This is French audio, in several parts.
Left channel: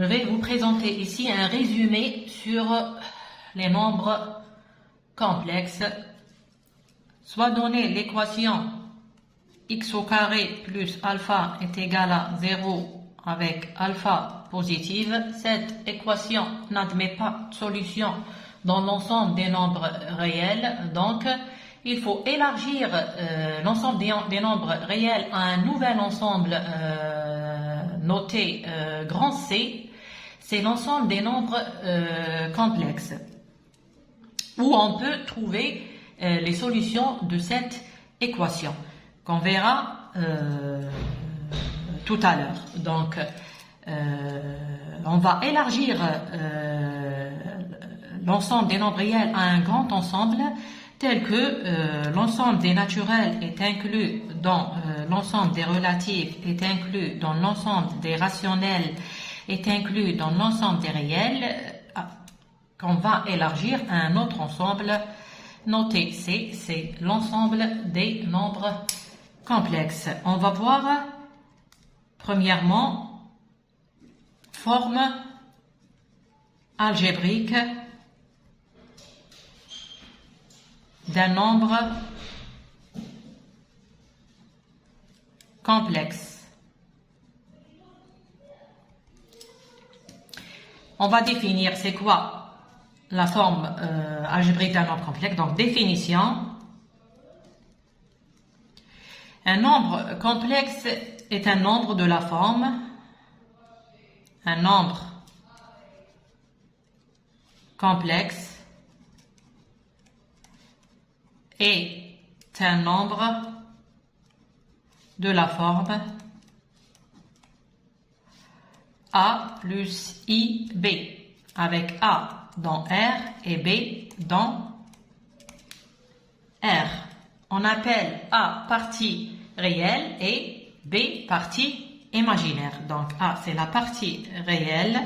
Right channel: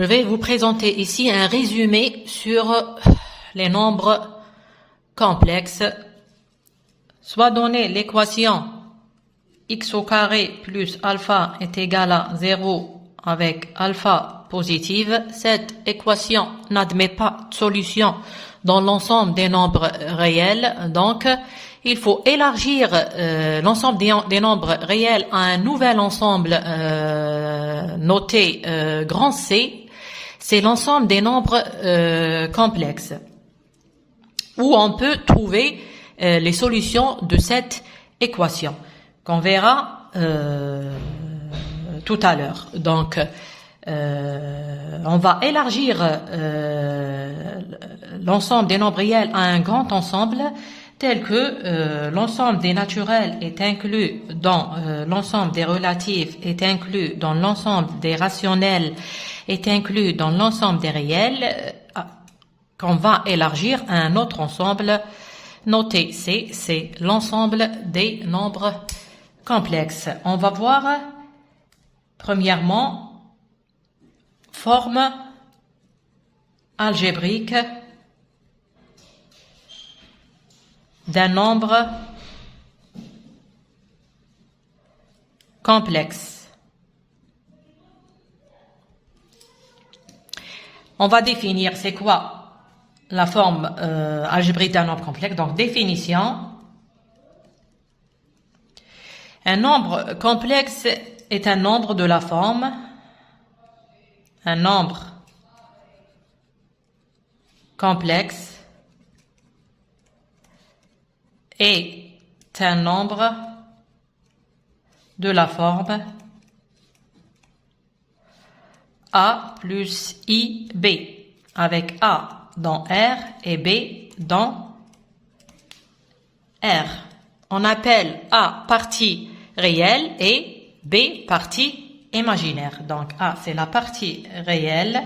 Je vais vous présenter ici un résumé sur les nombres complexes. Soit donné l'équation x au carré plus alpha est égal à 0 avec alpha positive. Cette équation n'admet pas de solution dans l'ensemble des nombres réels. Donc, il faut élargir l'ensemble des nombres réels à un nouvel ensemble noté grand C. C'est l'ensemble des nombres complexes, où on peut trouver les solutions de cette équation, qu'on verra tout à l'heure. Donc, on va élargir l'ensemble des nombres réels à un grand ensemble, tel que l'ensemble des naturels est inclus dans l'ensemble des relatifs, est inclus dans l'ensemble des rationnels, est inclus dans l'ensemble des réels, qu'on va élargir à un autre ensemble noté C, c'est l'ensemble des nombres complexes. On va voir premièrement forme algébrique d'un nombre complexe. On va définir c'est quoi la forme algébrique d'un nombre complexe. Donc définition. Un nombre complexe est un nombre de la forme. Un nombre complexe est un nombre de la forme A plus IB, avec A dans R et B dans R. On appelle A partie réelle et B partie imaginaire. Donc A, c'est la partie réelle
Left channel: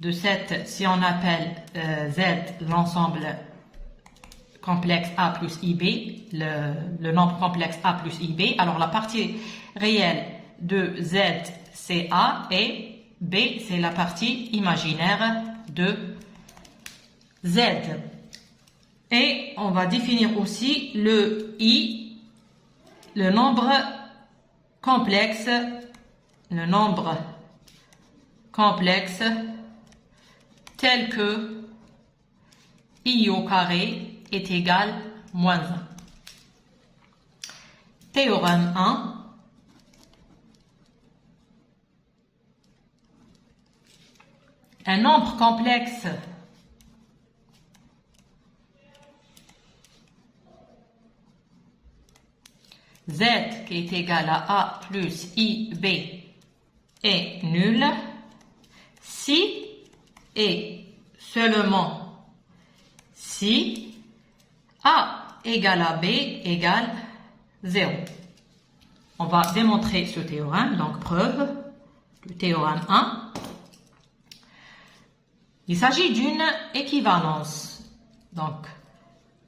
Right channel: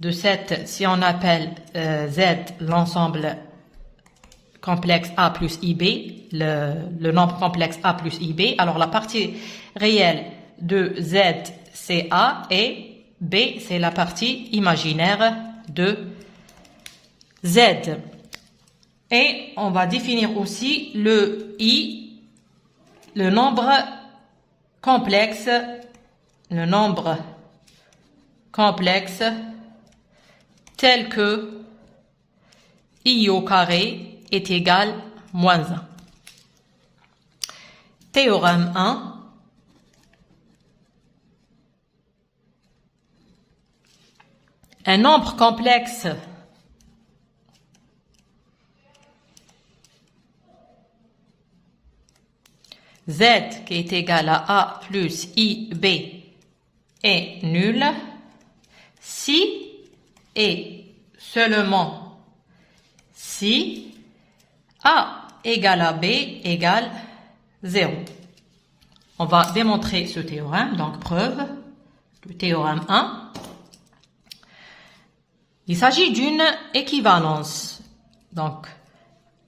de cette, si on appelle Z l'ensemble complexe A plus IB, le nombre complexe A plus IB, alors la partie réelle de Z c'est A et B c'est la partie imaginaire de Z. Et on va définir aussi le I, le nombre complexe tel que I au carré est égal moins 1. Théorème 1. Un nombre complexe Z qui est égal à A plus IB est nul si et seulement si A égale à B égale 0. On va démontrer ce théorème, donc preuve du théorème 1. Il s'agit d'une équivalence, donc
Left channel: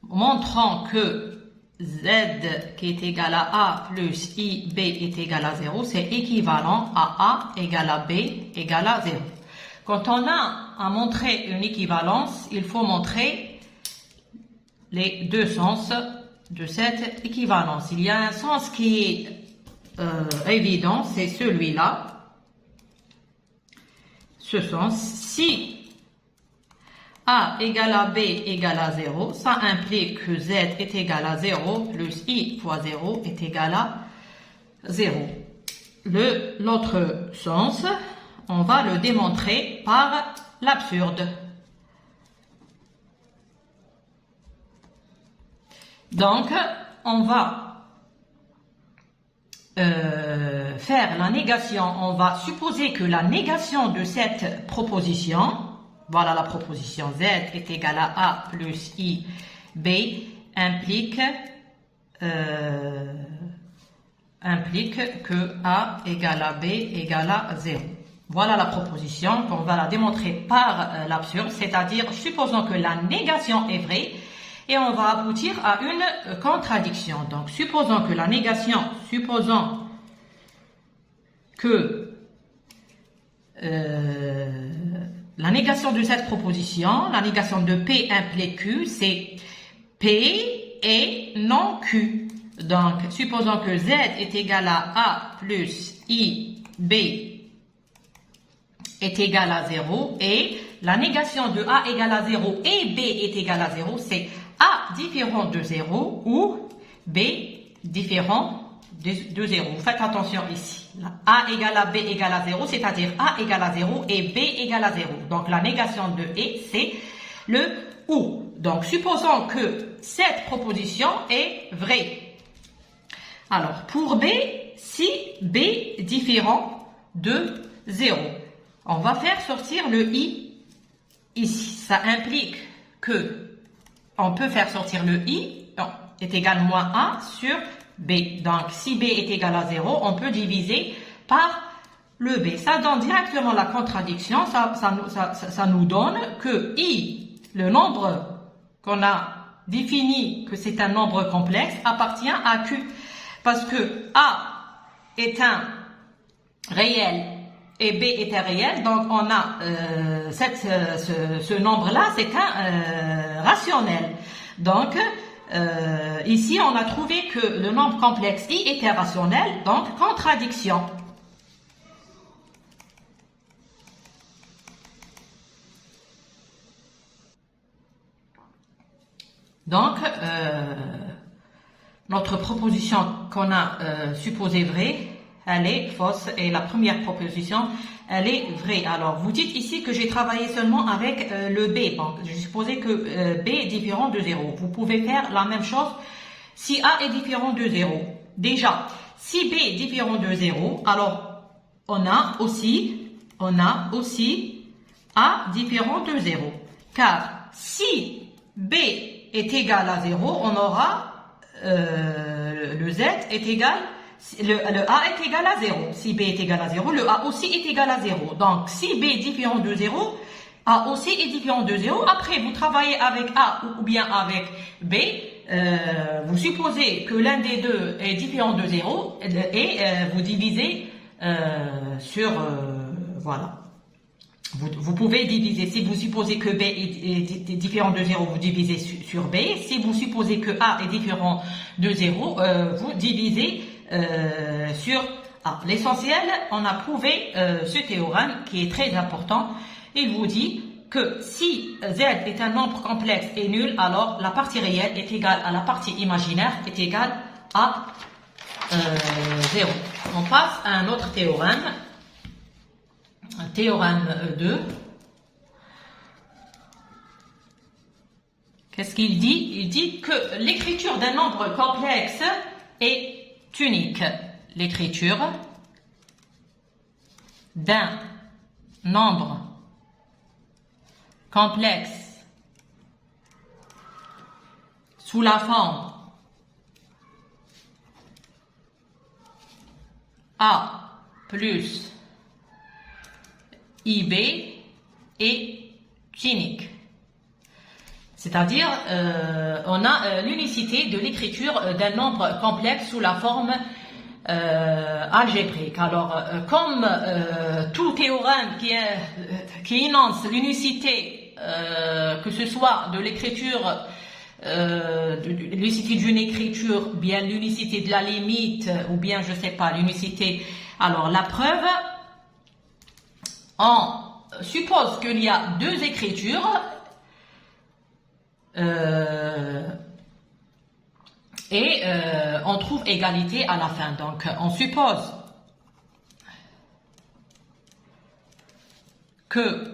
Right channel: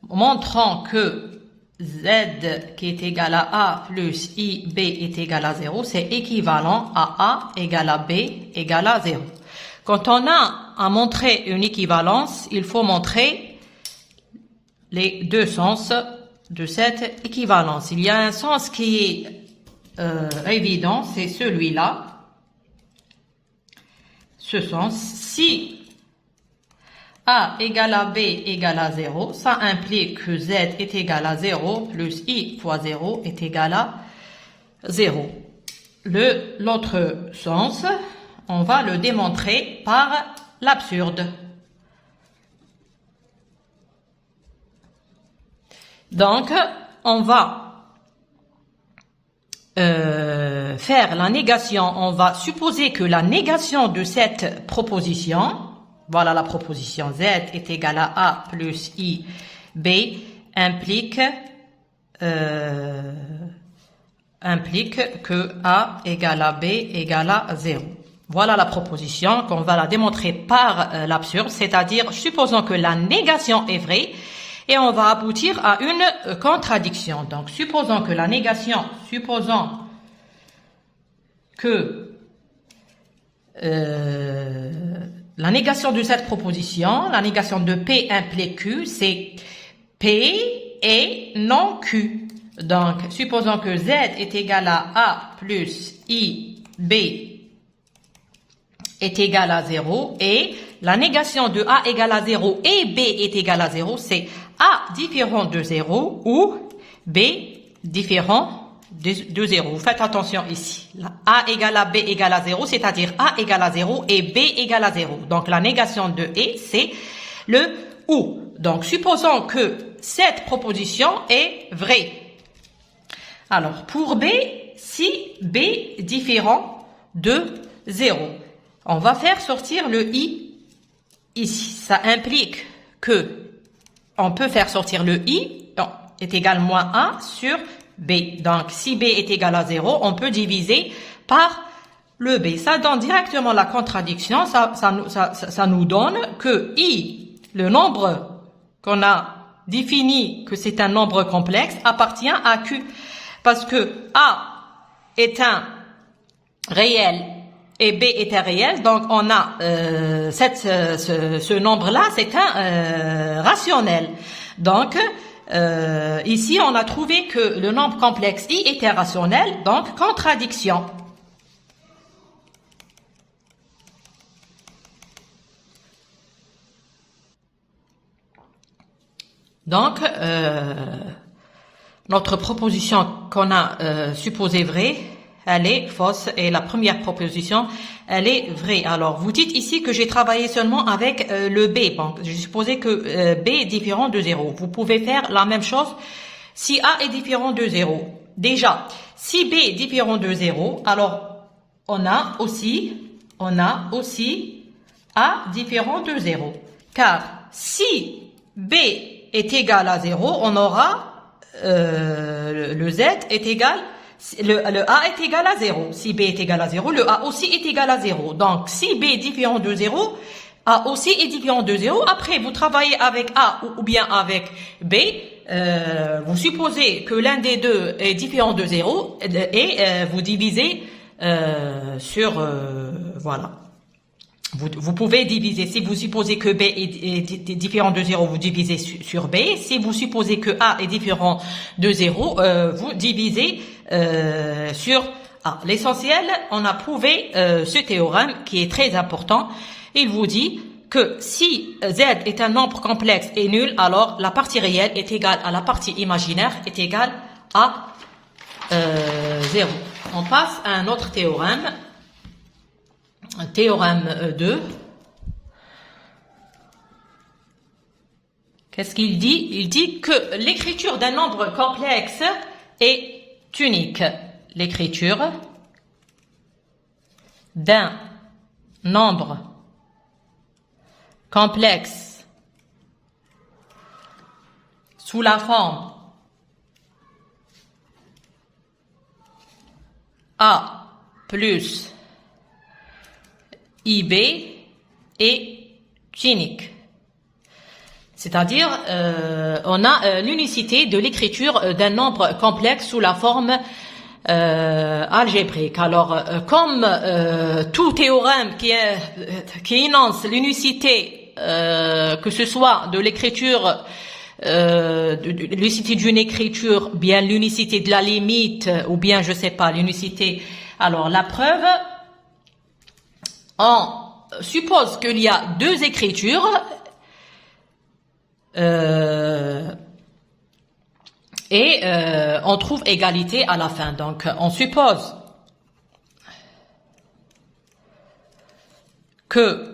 montrant que Z qui est égal à A plus IB est égal à 0, c'est équivalent à A égale à B égale à 0. Quand on a à montrer une équivalence, il faut montrer les deux sens de cette équivalence. Il y a un sens qui est évident, c'est celui-là. Ce sens, si A égale à B égale à 0, ça implique que Z est égal à 0 plus I fois 0 est égal à 0. L'autre sens, on va le démontrer par l'absurde. Donc, on va faire la négation, on va supposer que la négation de cette proposition, voilà la proposition Z est égal à A plus I B, implique que A égale à B égale à 0. Voilà la proposition qu'on va la démontrer par l'absurde, c'est-à-dire supposons que la négation est vraie et on va aboutir à une contradiction. Donc supposons que la négation, supposons que la négation de cette proposition, la négation de P implique Q, c'est P et non Q. Donc, supposons que Z est égal à A plus I, B est égal à 0 et la négation de A égale à 0 et B est égal à 0, c'est A différent de 0 ou B différent de 0. Vous faites attention ici. A égale à B égale à 0, c'est-à-dire A égale à 0 et B égale à 0. Donc la négation de et, c'est le ou. Donc supposons que cette proposition est vraie. Alors pour B, si B différent de 0, on va faire sortir le i ici. Ça implique que on peut faire sortir le i est égal à moins 1 sur B. Donc, si B est égal à 0, on peut diviser par le B. Ça donne directement la contradiction. Ça nous donne que I, le nombre qu'on a défini que c'est un nombre complexe, appartient à Q. Parce que A est un réel et B est un réel. Donc, on a ce nombre-là, c'est un rationnel. Donc, ici, on a trouvé que le nombre complexe I était rationnel, donc contradiction. Donc, notre proposition qu'on a supposée vraie, elle est fausse et la première proposition, elle est vraie. Alors, vous dites ici que j'ai travaillé seulement avec le B. Bon, j'ai supposé que B est différent de 0. Vous pouvez faire la même chose si A est différent de 0. Déjà, si B est différent de 0, alors on a aussi A différent de 0. Car si B est égal à 0, on aura le Z est égal le A est égal à 0. Si B est égal à 0, le A aussi est égal à 0. Donc, si B est différent de 0, A aussi est différent de 0. Après, vous travaillez avec A ou bien avec B. Vous supposez que l'un des deux est différent de 0 et vous divisez sur... voilà. Vous pouvez diviser, si vous supposez que B est différent de 0, vous divisez sur B. Si vous supposez que A est différent de 0, vous divisez sur A. L'essentiel, on a prouvé ce théorème qui est très important. Il vous dit que si Z est un nombre complexe et nul, alors la partie réelle est égale à la partie imaginaire est égale à 0. On passe à un autre théorème. Théorème 2. Qu'est-ce qu'il dit? Il dit que l'écriture d'un nombre complexe est unique. L'écriture d'un nombre complexe sous la forme A plus IB est unique. C'est-à-dire, on a l'unicité de l'écriture d'un nombre complexe sous la forme algébrique. Alors, comme tout théorème qui énonce l'unicité, que ce soit de l'écriture, l'unicité d'une écriture, bien l'unicité de la limite, ou bien, je sais pas, l'unicité. Alors, la preuve, on suppose qu'il y a deux écritures et on trouve égalité à la fin. Donc, on suppose que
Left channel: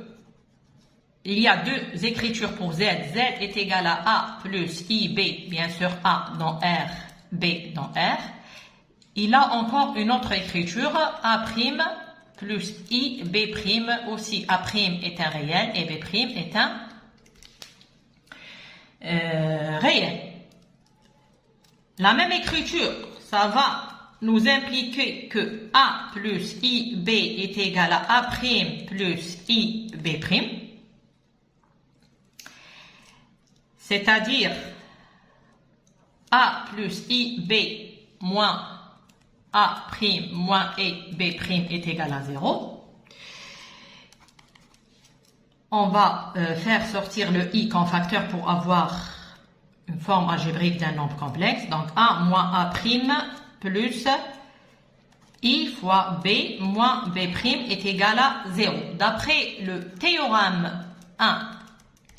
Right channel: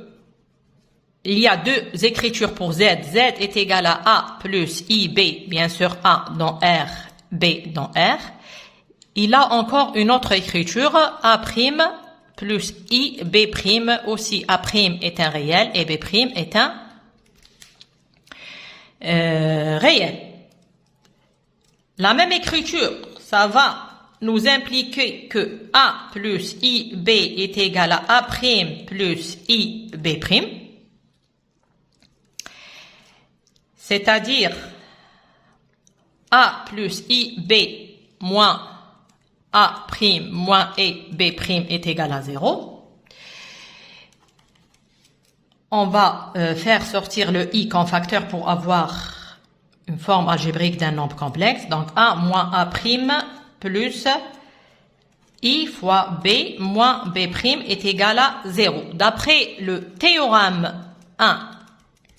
il y a deux écritures pour Z. Z est égal à A plus IB, bien sûr A dans R, B dans R. Il a encore une autre écriture, A' plus I, B' aussi. A' est un réel et B' est un réel. La même écriture, ça va nous impliquer que A plus IB est égal à A' plus IB'. C'est-à-dire A plus IB moins A' moins B' est égal à 0. on va faire sortir le i comme facteur pour avoir une forme algébrique d'un nombre complexe. Donc a moins a prime plus i fois b moins b prime est égal à 0. D'après le théorème 1,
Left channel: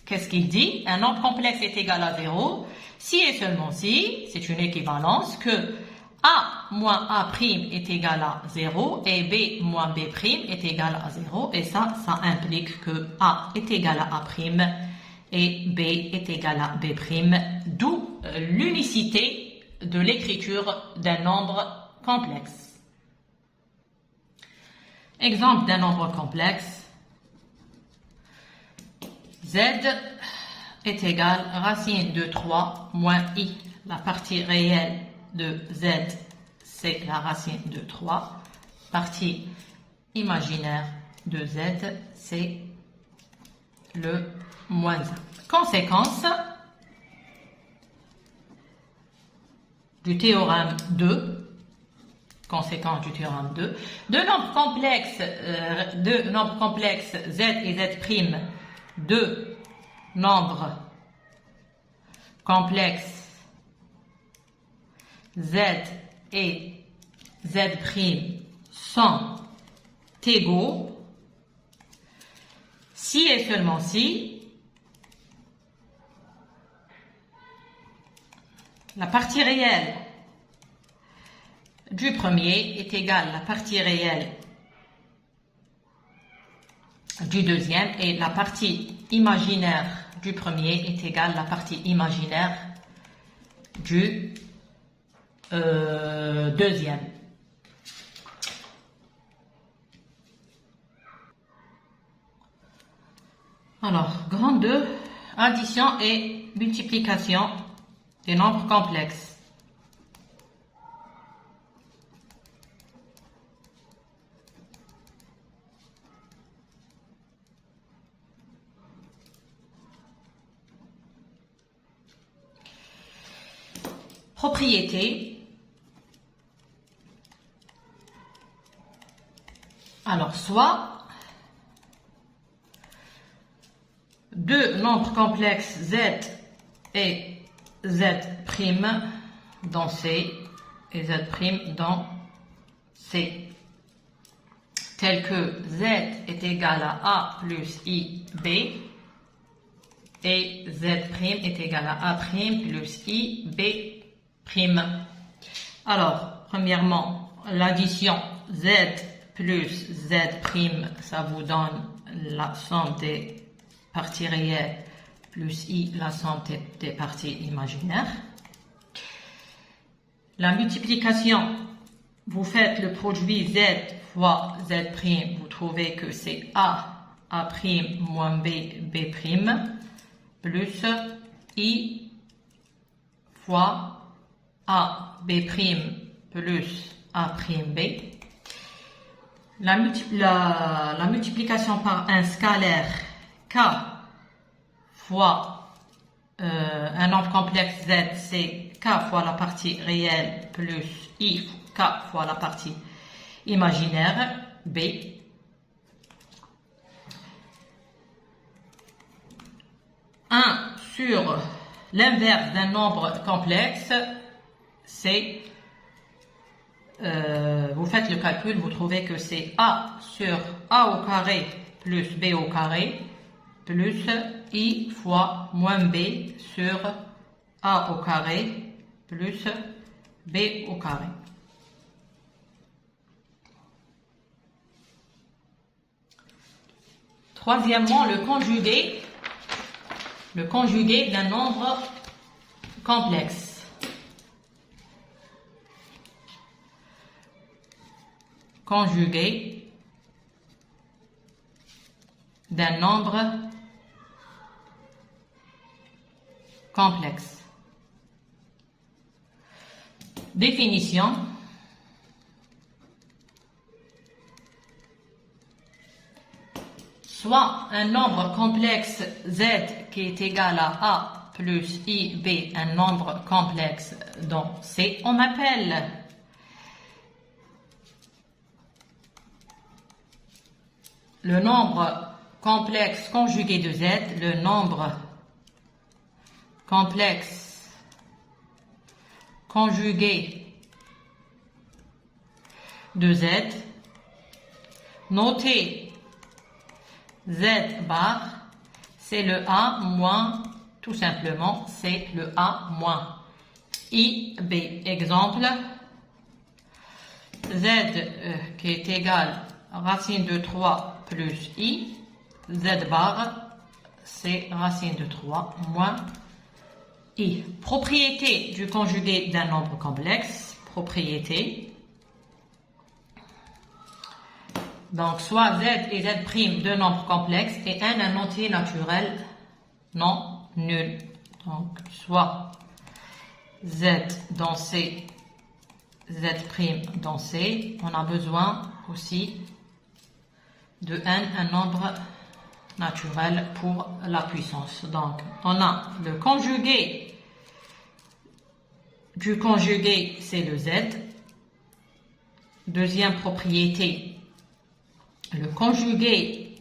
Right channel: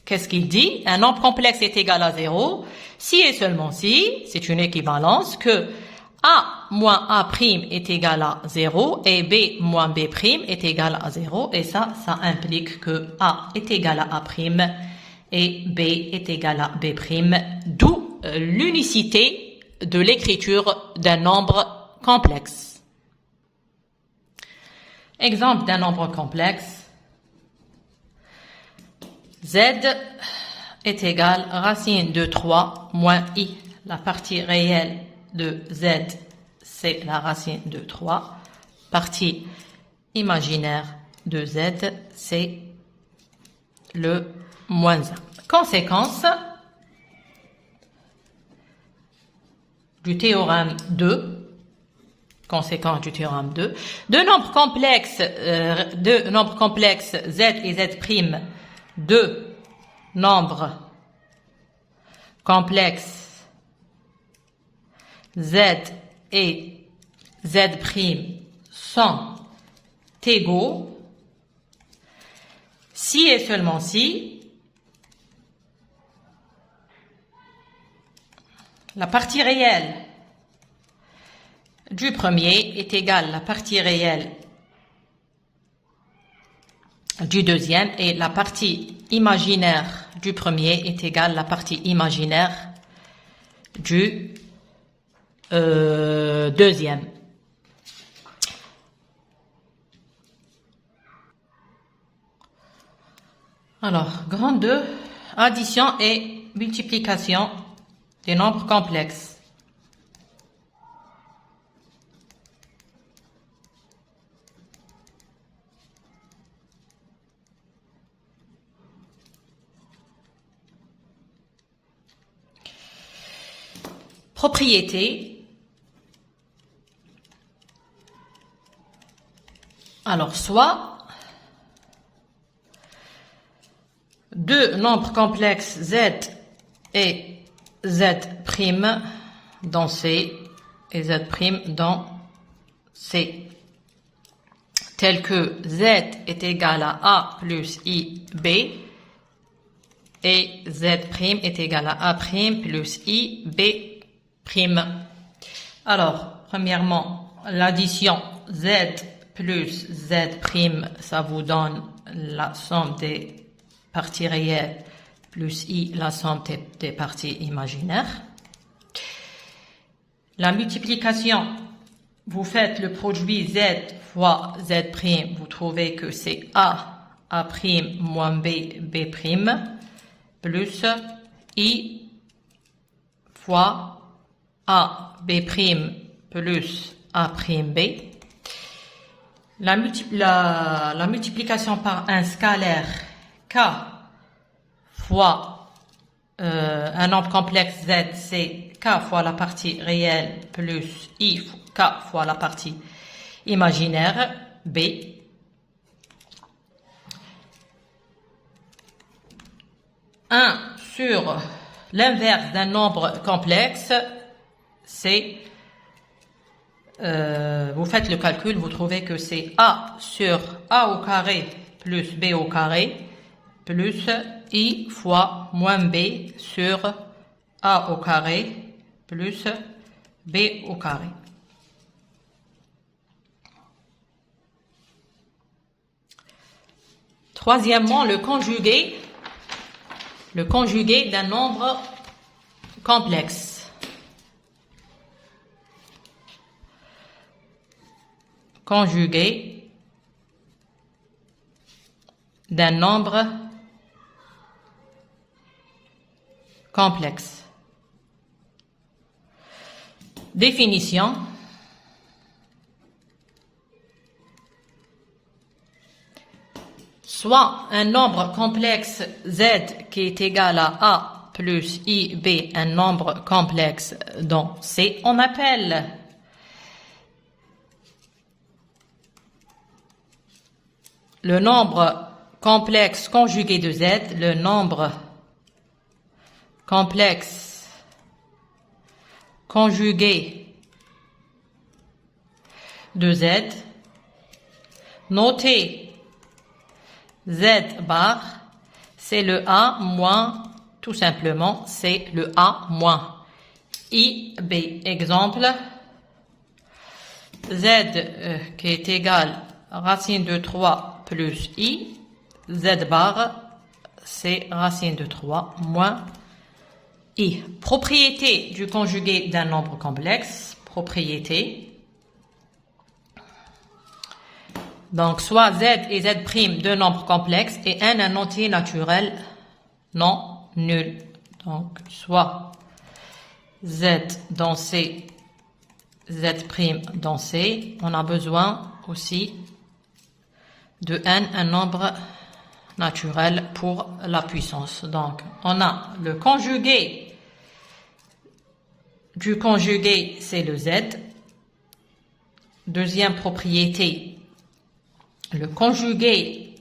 qu'est-ce qu'il dit? Un nombre complexe est égal à 0 si et seulement si, c'est une équivalence, que a moins a prime est égal à 0 et b moins b prime est égal à 0. Et ça implique que a est égal à a prime et b est égal à b prime, d'où l'unicité de l'écriture d'un nombre complexe. Exemple d'un nombre complexe. Z est égal à racine de 3 moins i. La partie réelle de z, c'est la racine de 3. Partie imaginaire de z, c'est le moins 1. Conséquence du théorème 2. Conséquence du théorème 2. Deux nombres complexes z et z', deux nombres complexes z et z' sont égaux si et seulement si la partie réelle du premier est égale à la partie réelle du deuxième et la partie imaginaire du premier est égale à la partie imaginaire du deuxième. Alors, grand 2, addition et multiplication des nombres complexes. Propriété. Alors, soit deux nombres complexes z et z' dans C et z' dans C, tel que z est égal à a plus i b et z' est égal à a' plus i b'. Alors, premièrement, l'addition z plus z', ça vous donne la somme des parties réelles plus i, la somme des parties imaginaires. La multiplication, vous faites le produit z fois z', vous trouvez que c'est a' moins b, b', plus i fois a, b' plus a', b. La multiplication par un scalaire k fois un nombre complexe z, c'est k fois la partie réelle plus i k fois la partie imaginaire b. Un sur l'inverse d'un nombre complexe, c'est, vous faites le calcul, vous trouvez que c'est a sur a au carré plus b au carré plus i fois moins b sur a au carré plus b au carré. Troisièmement, le conjugué d'un nombre complexe. Conjugué d'un nombre complexe. Définition. Soit un nombre complexe z qui est égal à a plus i, b, un nombre complexe dans C, on appelle le nombre complexe conjugué de Z, le nombre complexe conjugué de Z, notez Z bar, c'est le A moins, tout simplement, c'est le A moins IB. Exemple, Z qui est égal à racine de 3 plus I, Z bar, c'est racine de 3 moins I. Propriété du conjugué d'un nombre complexe, propriété. Donc, soit Z et Z' deux nombres complexes et N un entier naturel non nul. Donc, soit Z dans C, Z' dans C. On a besoin aussi de N, un nombre naturel pour la puissance. Donc, on a le conjugué du conjugué, c'est le Z. Deuxième propriété, le conjugué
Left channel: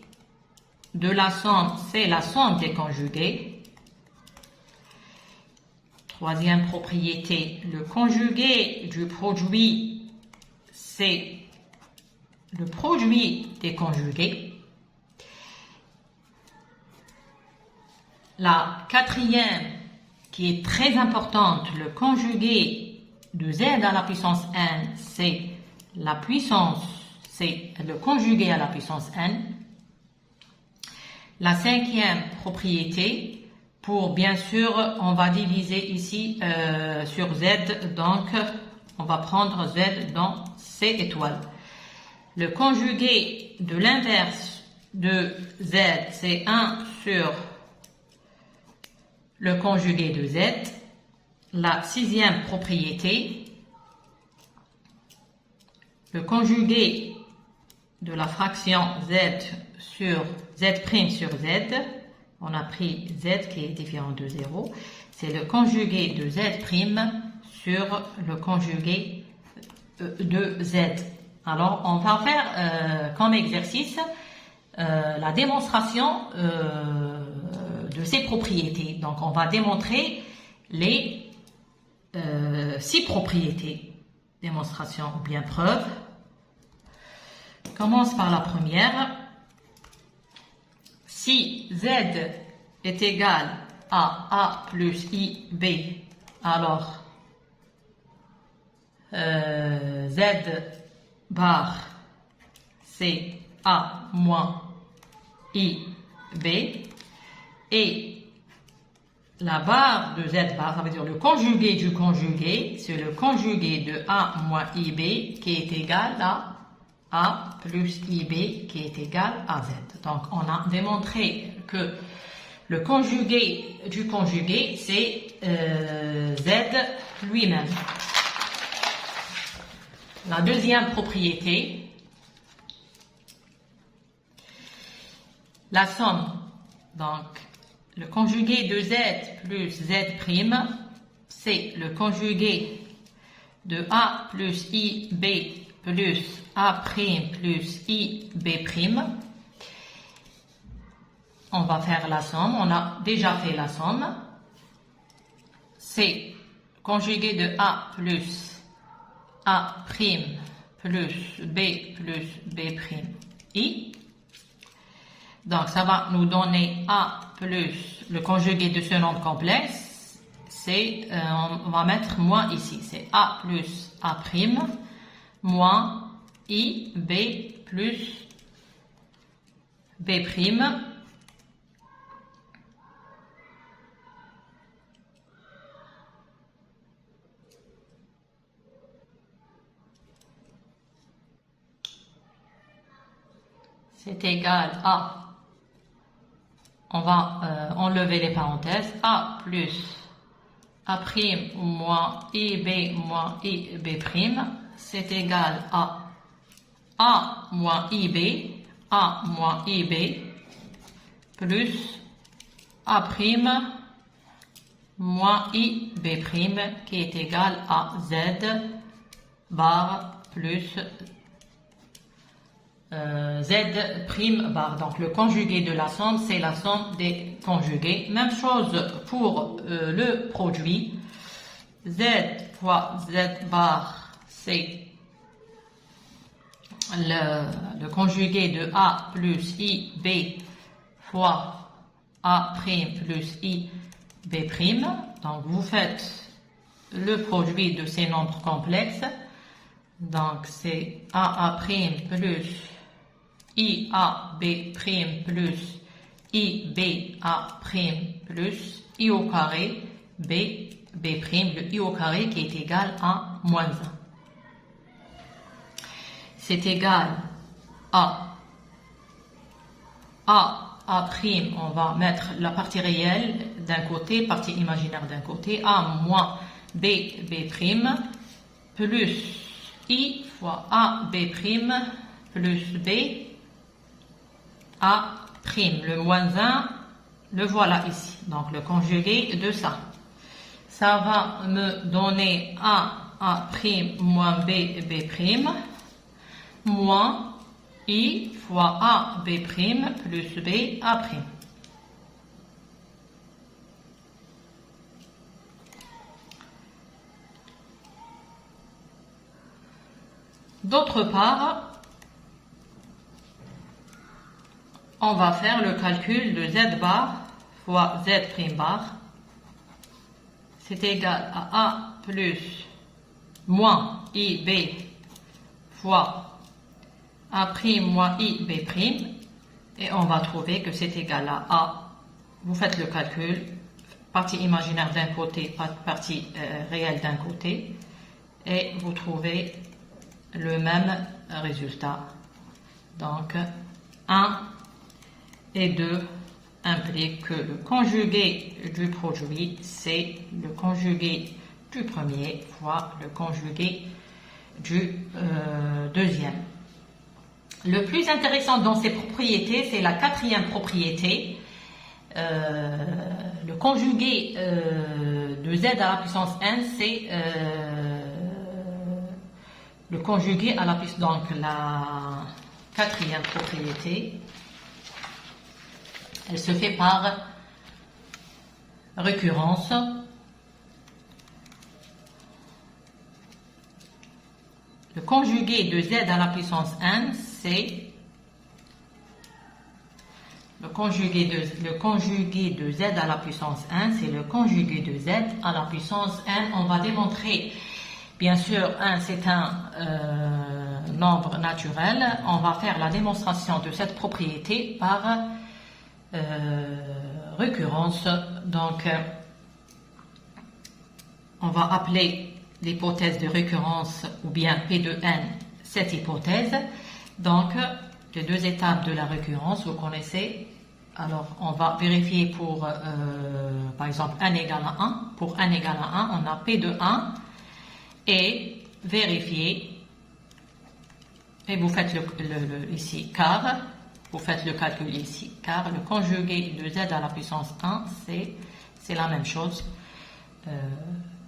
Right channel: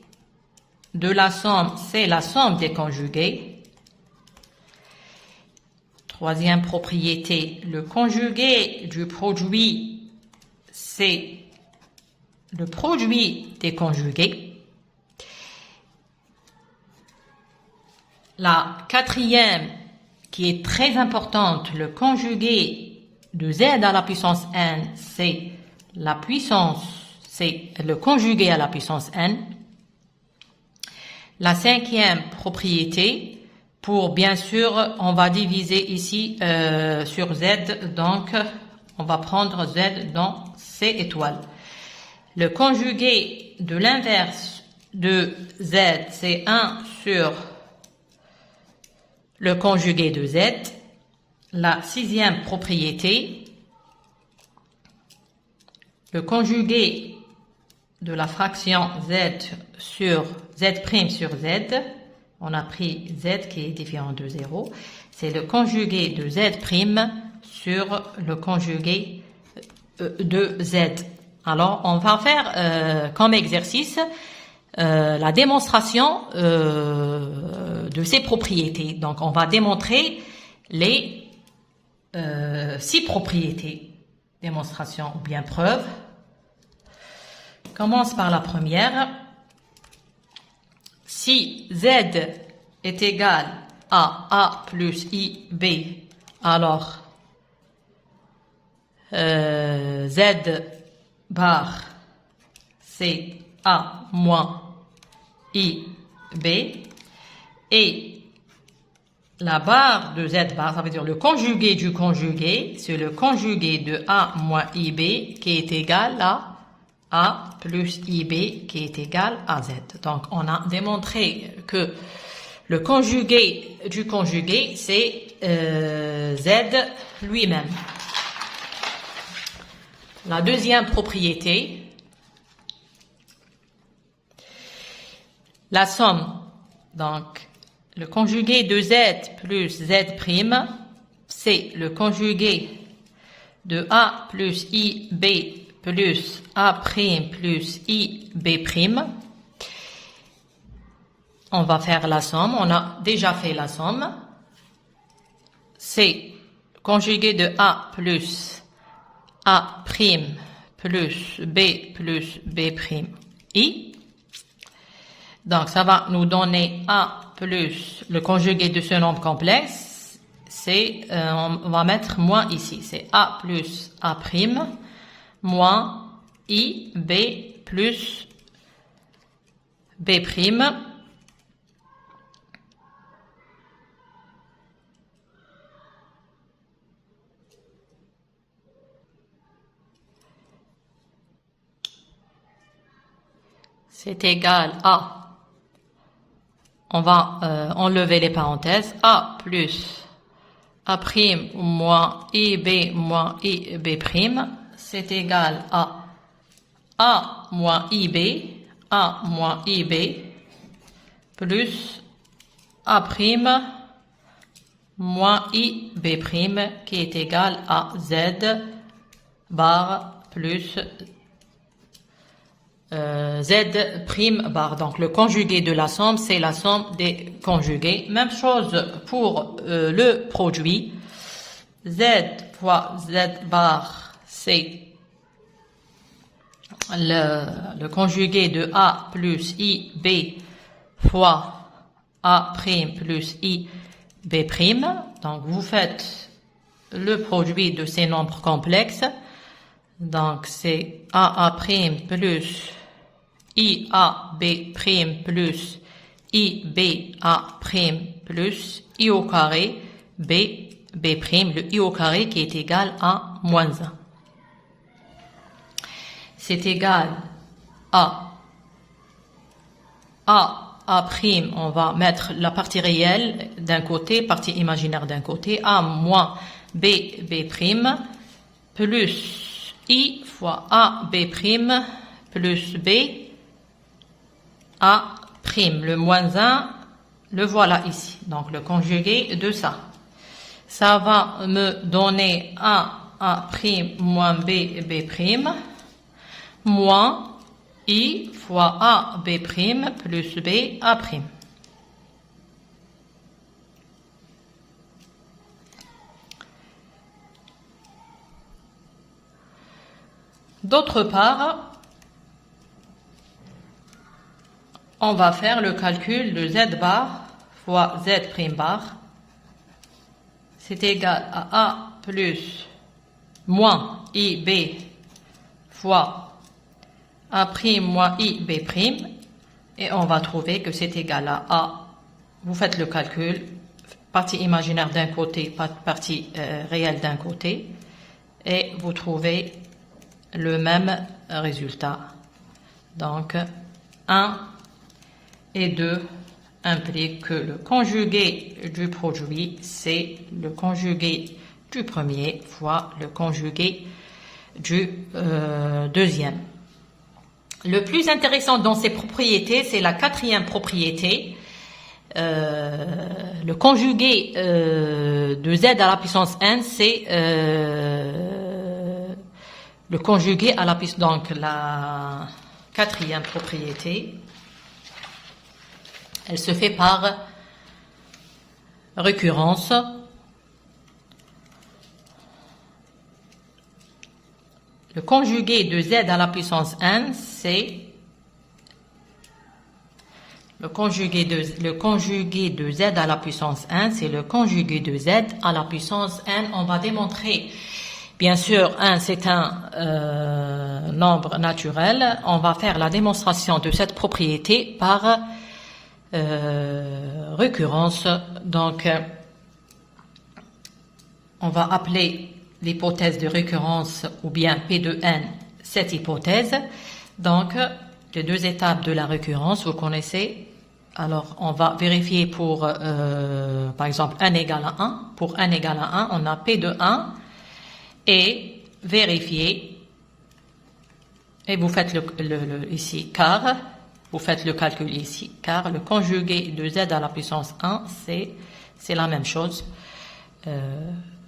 de la somme, c'est la somme des conjugués. Troisième propriété, le conjugué du produit, c'est le produit des conjugués. La quatrième, qui est très importante, le conjugué de Z à la puissance N, c'est la puissance, c'est le conjugué à la puissance N. La cinquième propriété, pour bien sûr, on va diviser ici sur Z, donc on va prendre Z dans C étoiles. Le conjugué de l'inverse de Z, c'est 1 sur le conjugué de Z. La sixième propriété, le conjugué de la fraction Z sur Z' sur Z, on a pris Z qui est différent de 0, c'est le conjugué de Z' sur le conjugué de Z. Alors, on va faire comme exercice la démonstration de ces propriétés. Donc, on va démontrer les 6 propriétés. Démonstration ou bien preuve. On commence par la première. Si Z est égal à A plus IB, alors Z bar c'est A moins IB et la barre de Z bar, ça veut dire le conjugué du conjugué, c'est le conjugué de A moins IB qui est égal à A plus IB qui est égal à Z. Donc, on a démontré que le conjugué du conjugué, c'est Z lui-même. La deuxième propriété, la somme, donc le conjugué de Z plus Z', c'est le conjugué de A plus IB plus A' plus IB'. On va faire la somme, on a déjà fait la somme. C'est conjugué de A plus A' plus B' I. Donc, ça va nous donner A plus le conjugué de ce nombre complexe. C'est, on va mettre moins ici. C'est A plus A' moins I, B plus B'. C'est égal à, on va enlever les parenthèses, A plus A' moins IB moins IB', c'est égal à A moins IB plus A' moins IB' qui est égal à Z bar plus Z prime bar. Donc le conjugué de la somme, c'est la somme des conjugués. Même chose pour le produit. Z fois Z bar, c'est le conjugué de A plus IB fois A' plus IB'. Donc vous faites le produit de ces nombres complexes. Donc c'est AA' plus IAB' plus IBA' plus I au carré B', le I au carré qui est égal à moins 1. C'est égal à A', on va mettre la partie réelle d'un côté, partie imaginaire d'un côté, A moins B', plus I fois AB' plus B, A'. Le moins 1, le voilà ici. Donc le conjugué de ça. Ça va me donner A' moins B', moins I fois AB' plus B, A'. D'autre part, on va faire le calcul de Z bar fois Z' bar. C'est égal à A plus moins IB fois A' moins IB'. Et on va trouver que c'est égal à A. Vous faites le calcul, partie imaginaire d'un côté, partie réelle d'un côté. Et vous trouvez le même résultat. Donc 1 et 2 impliquent que le conjugué du produit, c'est le conjugué du premier fois le conjugué du deuxième. Le plus intéressant dans ces propriétés, c'est la quatrième propriété. Le conjugué de Z à la puissance n, c'est le conjugué à la puissance, donc la quatrième propriété, elle se fait par récurrence. Le conjugué de Z à la puissance n, c'est le conjugué de Z à la puissance n, c'est le conjugué de Z à la puissance n. On va démontrer. Bien sûr, 1, c'est un nombre naturel. On va faire la démonstration de cette propriété par récurrence. Donc, on va appeler l'hypothèse de récurrence ou bien P de n cette hypothèse. Donc, les deux étapes de la récurrence, vous connaissez. Alors, on va vérifier pour, par exemple, n égale à 1. Pour n égale à 1, on a P de 1. Et vérifier, et vous faites ici car, vous faites le calcul ici, car le conjugué de Z à la puissance 1, c'est la même chose.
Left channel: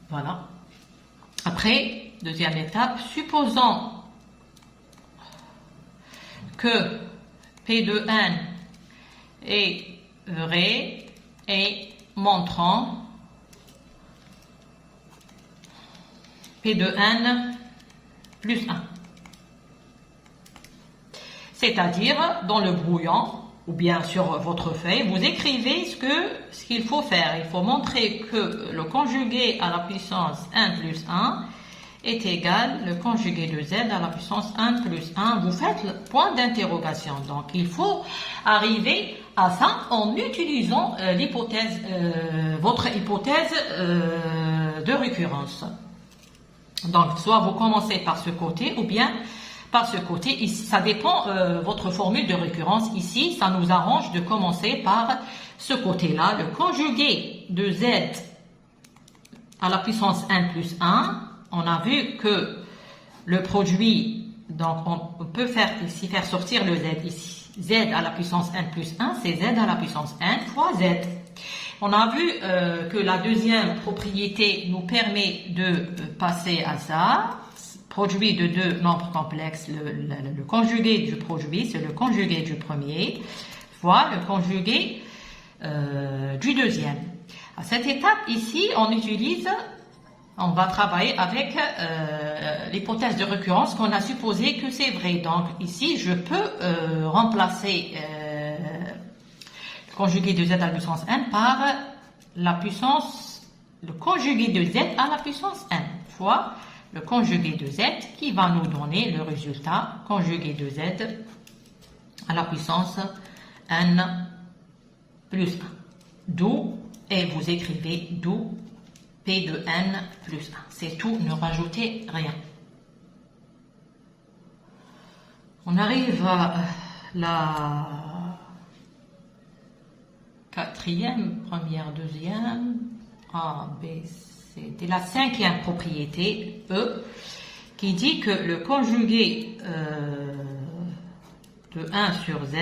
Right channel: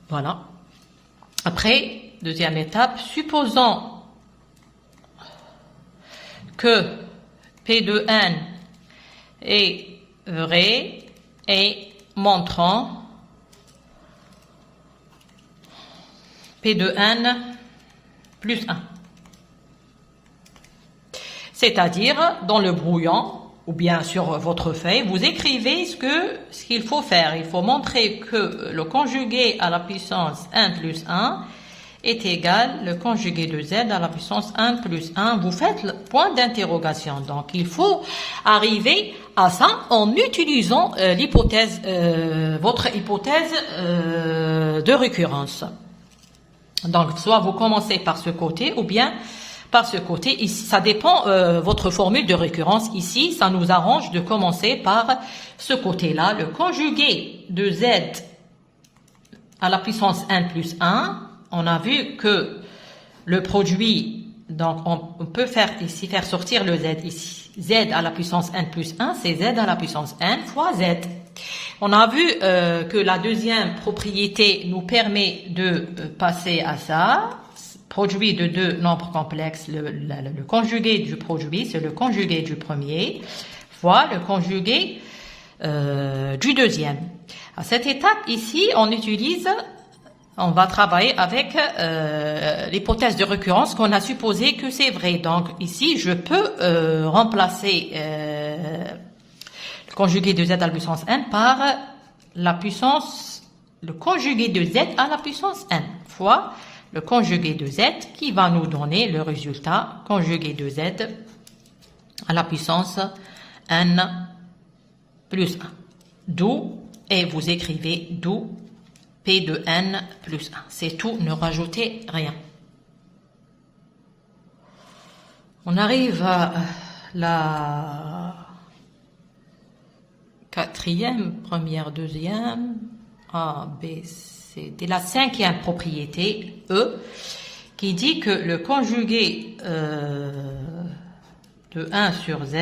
Voilà. Après, deuxième étape, supposons que P de n est vrai et montrant P de n plus 1. C'est-à-dire, dans le brouillon, ou bien sur votre feuille, vous écrivez ce qu'il faut faire. Il faut montrer que le conjugué à la puissance n plus 1 est égal le conjugué de z à la puissance n plus 1. Vous faites le point d'interrogation. Donc, il faut arriver à ça en utilisant l'hypothèse, votre hypothèse de récurrence. Donc, soit vous commencez par ce côté ou bien par ce côté. Ici, ça dépend votre formule de récurrence. Ici, ça nous arrange de commencer par ce côté-là. Le conjugué de z à la puissance n plus 1, on a vu que le produit, donc on peut faire ici, faire sortir le z ici. Z à la puissance n plus 1, c'est z à la puissance n fois z. On a vu que la deuxième propriété nous permet de passer à ça, produit de deux nombres complexes, le conjugué du produit, c'est le conjugué du premier, fois le conjugué du deuxième. À cette étape ici, on va travailler avec l'hypothèse de récurrence qu'on a supposé que c'est vrai. Donc ici, je peux remplacer le conjugué de z à la puissance n par le conjugué de z à la puissance n fois le conjugué de z qui va nous donner le résultat conjugué de z à la puissance n plus 1. D'où, et vous écrivez d'où P de n plus 1. C'est tout, ne rajoutez rien. On arrive à la quatrième, première, deuxième, A, B, C, D, la cinquième propriété, E, qui dit que le conjugué de 1 sur Z,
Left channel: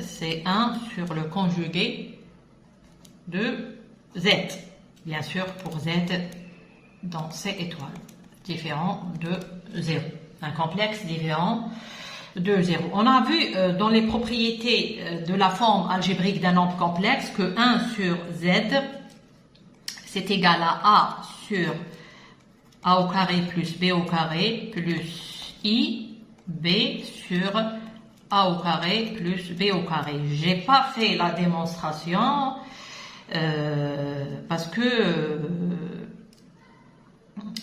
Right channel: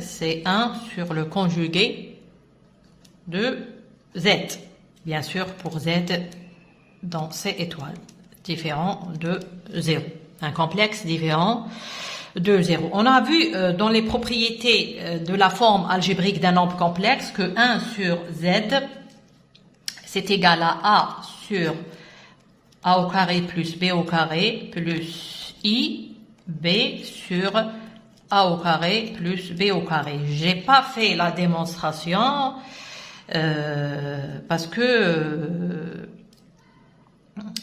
c'est 1 sur le conjugué de Z. Bien sûr, pour Z, donc C étoile, différent de 0. Un complexe différent de 0. On a vu dans les propriétés de la forme algébrique d'un nombre complexe que 1 sur Z, c'est égal à A sur A au carré plus B au carré plus I, B sur A au carré plus B au carré. J'ai pas fait la démonstration parce que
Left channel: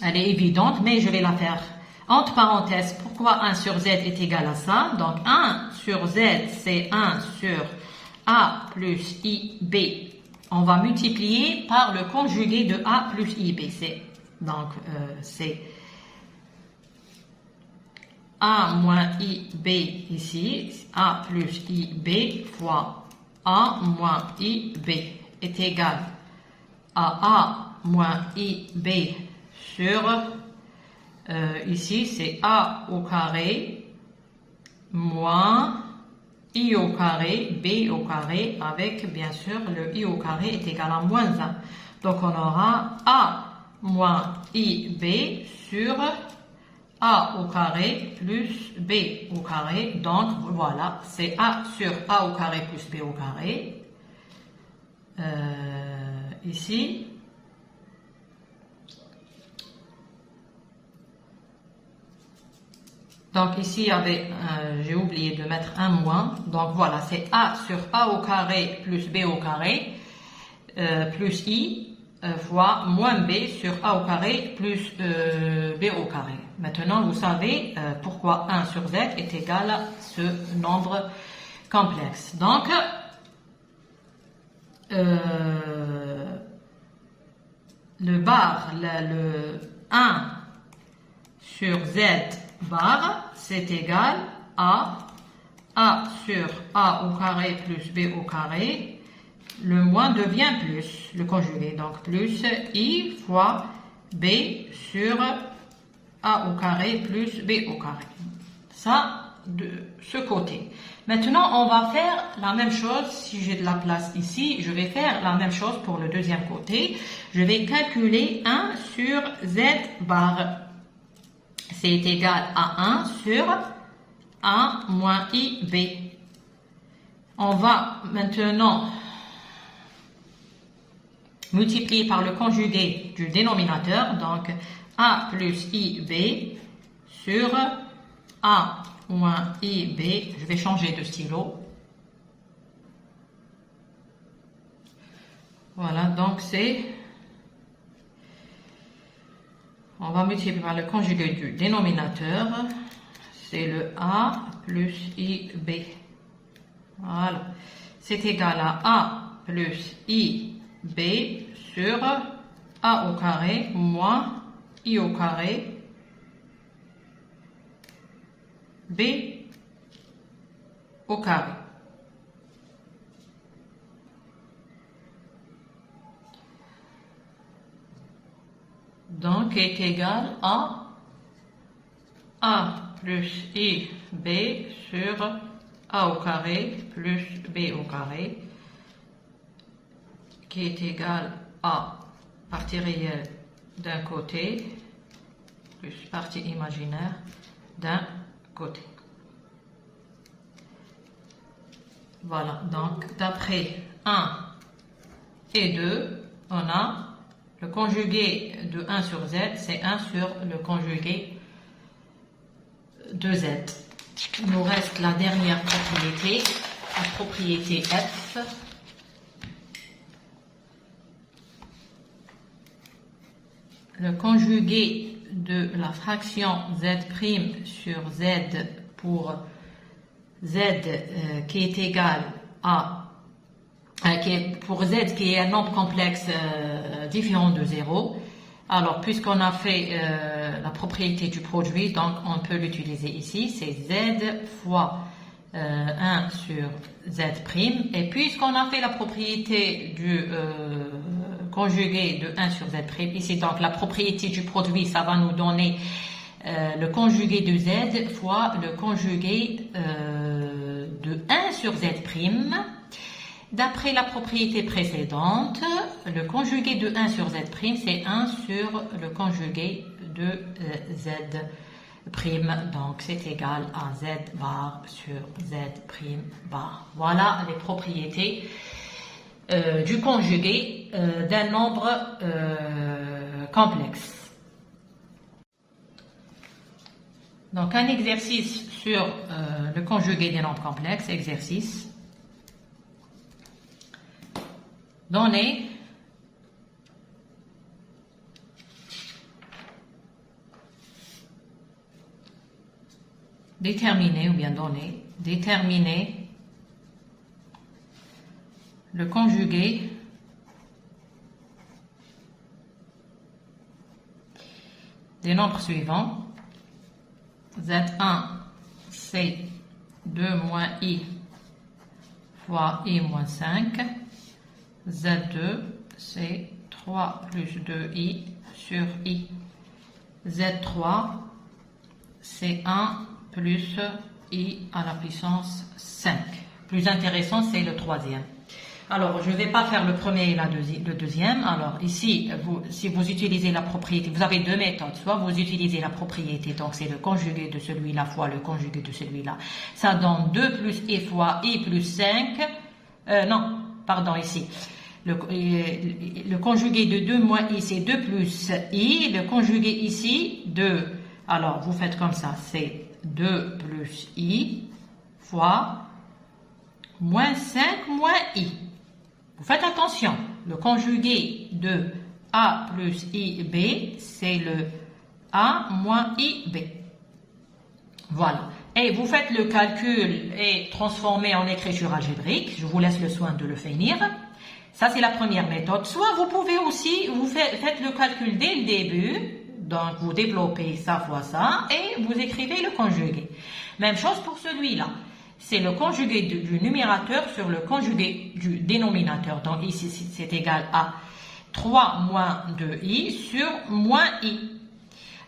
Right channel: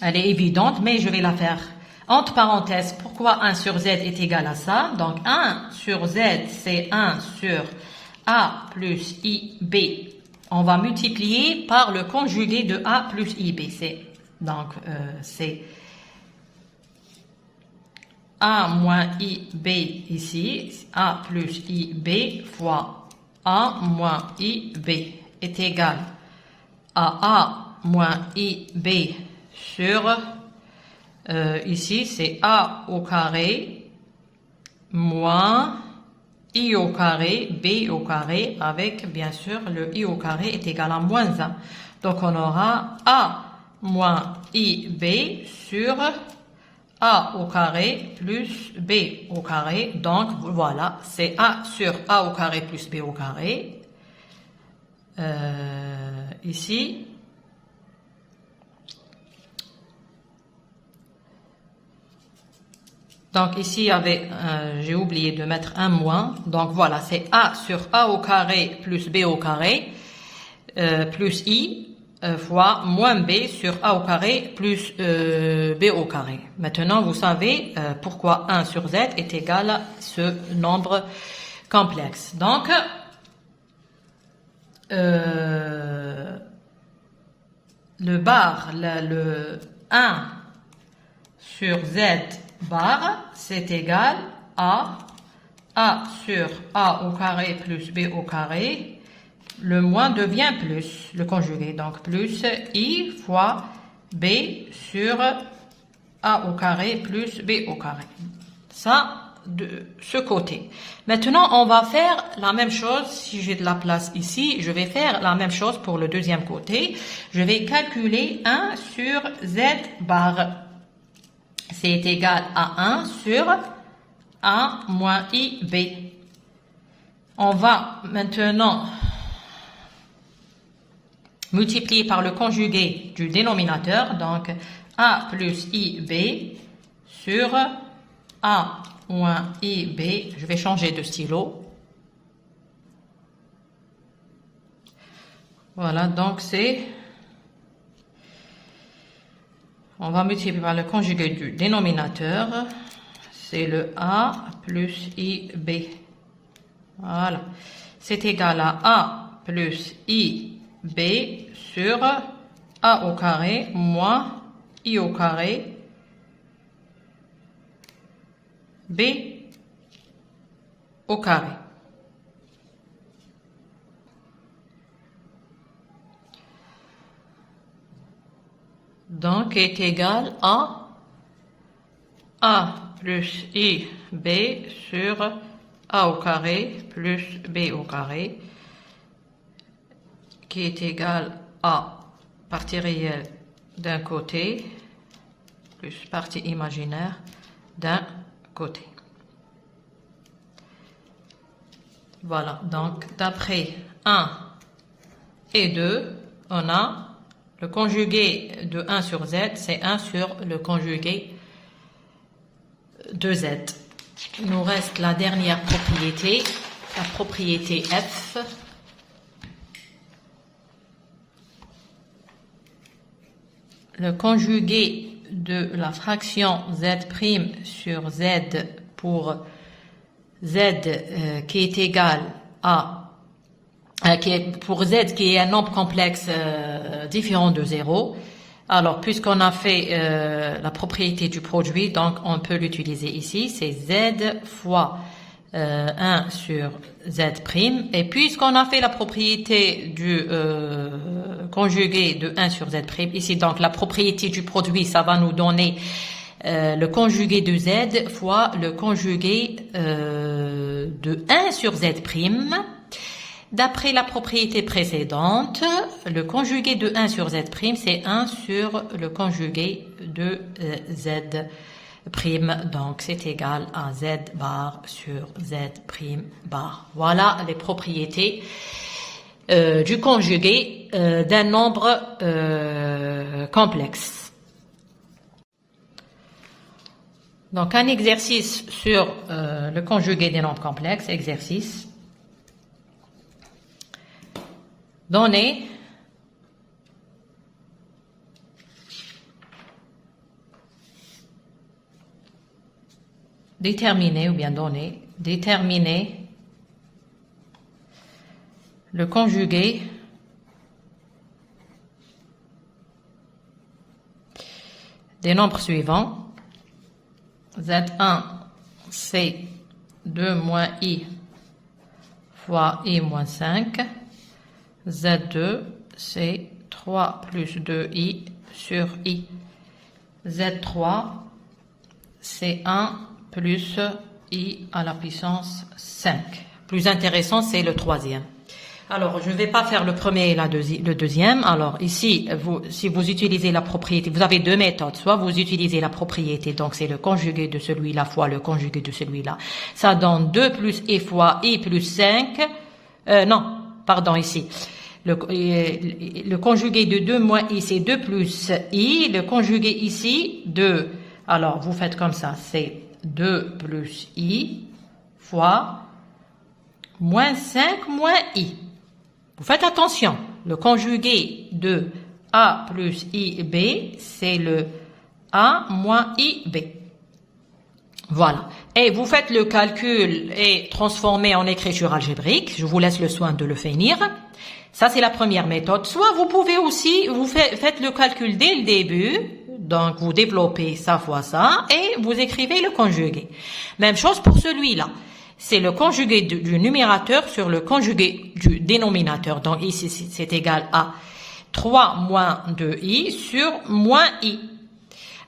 elle est évidente, mais je vais la faire. Entre parenthèses, pourquoi 1 sur Z est égal à ça? Donc 1 sur Z, c'est 1 sur A plus IB. On va multiplier par le conjugué de A plus IB. Donc c'est A moins IB ici, A plus IB fois A moins IB est égal à A moins IB sur, ici c'est A au carré moins I au carré, B au carré, avec bien sûr le I au carré est égal à moins 1. Donc on aura A moins IB sur A au carré plus B au carré. Donc voilà, c'est A sur A au carré plus B au carré. Ici. Donc ici, j'ai oublié de mettre un moins. Donc voilà, c'est A sur A au carré plus B au carré plus I fois moins B sur A au carré plus B au carré. Maintenant, vous savez pourquoi 1 sur Z est égal à ce nombre complexe. Donc, le 1 sur Z bar, c'est égal à A sur A au carré plus B au carré. Le moins devient plus, le conjugué, donc plus I fois B sur A au carré plus B au carré. Ça, de ce côté. Maintenant, on va faire la même chose. Si j'ai de la place ici, je vais faire la même chose pour le deuxième côté. Je vais calculer 1 sur Z bar. C'est égal à 1 sur A moins IB. On va maintenant multiplier par le conjugué du dénominateur, donc A plus IB sur A moins IB. Je vais changer de stylo. Voilà, donc c'est... On va multiplier par le conjugué du dénominateur. C'est le A plus IB. Voilà. C'est égal à A plus IB sur A au carré moins I au carré B au carré. Donc, est égal à A plus IB sur A au carré plus B au carré, qui est égal à partie réelle d'un côté plus partie imaginaire d'un côté. Voilà, donc d'après 1 et 2, on a le conjugué de 1 sur z, c'est 1 sur le conjugué de z. Il nous reste la dernière propriété, la propriété f. Le conjugué de la fraction z' sur z pour z qui est égal à pour z qui est un nombre complexe différent de 0. Alors, puisqu'on a fait la propriété du produit, donc on peut l'utiliser ici, c'est z fois 1 sur z'. Et puisqu'on a fait la propriété du conjugué de 1 sur z', ici, donc la propriété du produit, ça va nous donner le conjugué de z fois le conjugué de 1 sur z'. D'après la propriété précédente, le conjugué de 1 sur z', c'est 1 sur le conjugué de z'. Donc, c'est égal à z bar sur z' bar. Voilà les propriétés du conjugué d'un nombre complexe. Donc, un exercice sur le conjugué des nombres complexes. Exercice. Donner déterminer ou bien donner, déterminer le conjugué des nombres suivants. Z1, c'est 2 moins i fois i moins 5. Z2, c'est 3 plus 2i sur i. Z3, c'est 1 plus i à la puissance 5. Plus intéressant, c'est le troisième. Alors, je ne vais pas faire le premier et le deuxième. Alors, ici, si vous utilisez la propriété, vous avez deux méthodes. Soit vous utilisez la propriété, donc c'est le conjugué de celui-là fois le conjugué de celui-là. Ça donne 2 plus i fois i plus 5. Non, pardon, ici. Le conjugué de 2 moins i, c'est 2 plus i. Le conjugué ici, 2. Alors, vous faites comme ça, c'est 2 plus i fois moins 5 moins i. Vous faites attention, le conjugué de a plus ib, c'est le a moins ib. Voilà. Et vous faites le calcul et transformez en écriture algébrique. Je vous laisse le soin de le finir. Ça, c'est la première méthode. Soit vous pouvez aussi, vous faites le calcul dès le début. Donc, vous développez ça fois ça et vous écrivez le conjugué. Même chose pour celui-là. C'est le conjugué du numérateur sur le conjugué du dénominateur. Donc, ici, c'est égal à 3 moins 2i sur moins i.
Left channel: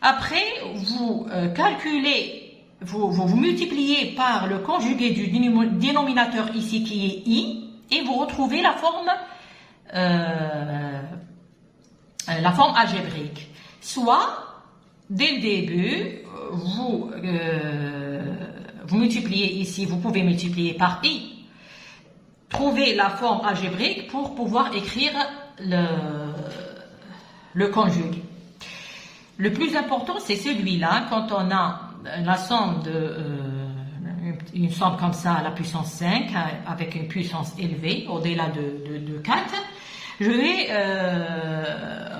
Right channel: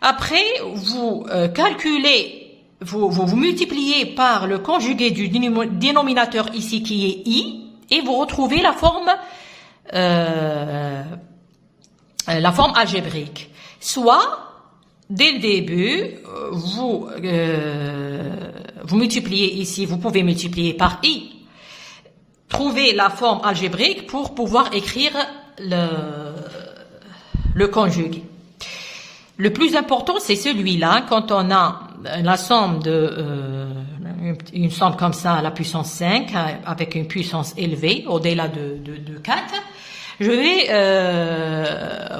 Après, vous calculez, vous multipliez par le conjugué du dénominateur ici qui est i et vous retrouvez la forme algébrique. Soit, dès le début, vous multipliez ici, vous pouvez multiplier par i, trouver la forme algébrique pour pouvoir écrire le conjugué. Le plus important, c'est celui-là, quand on a la somme une somme comme ça à la puissance 5, avec une puissance élevée, au-delà de 4, je vais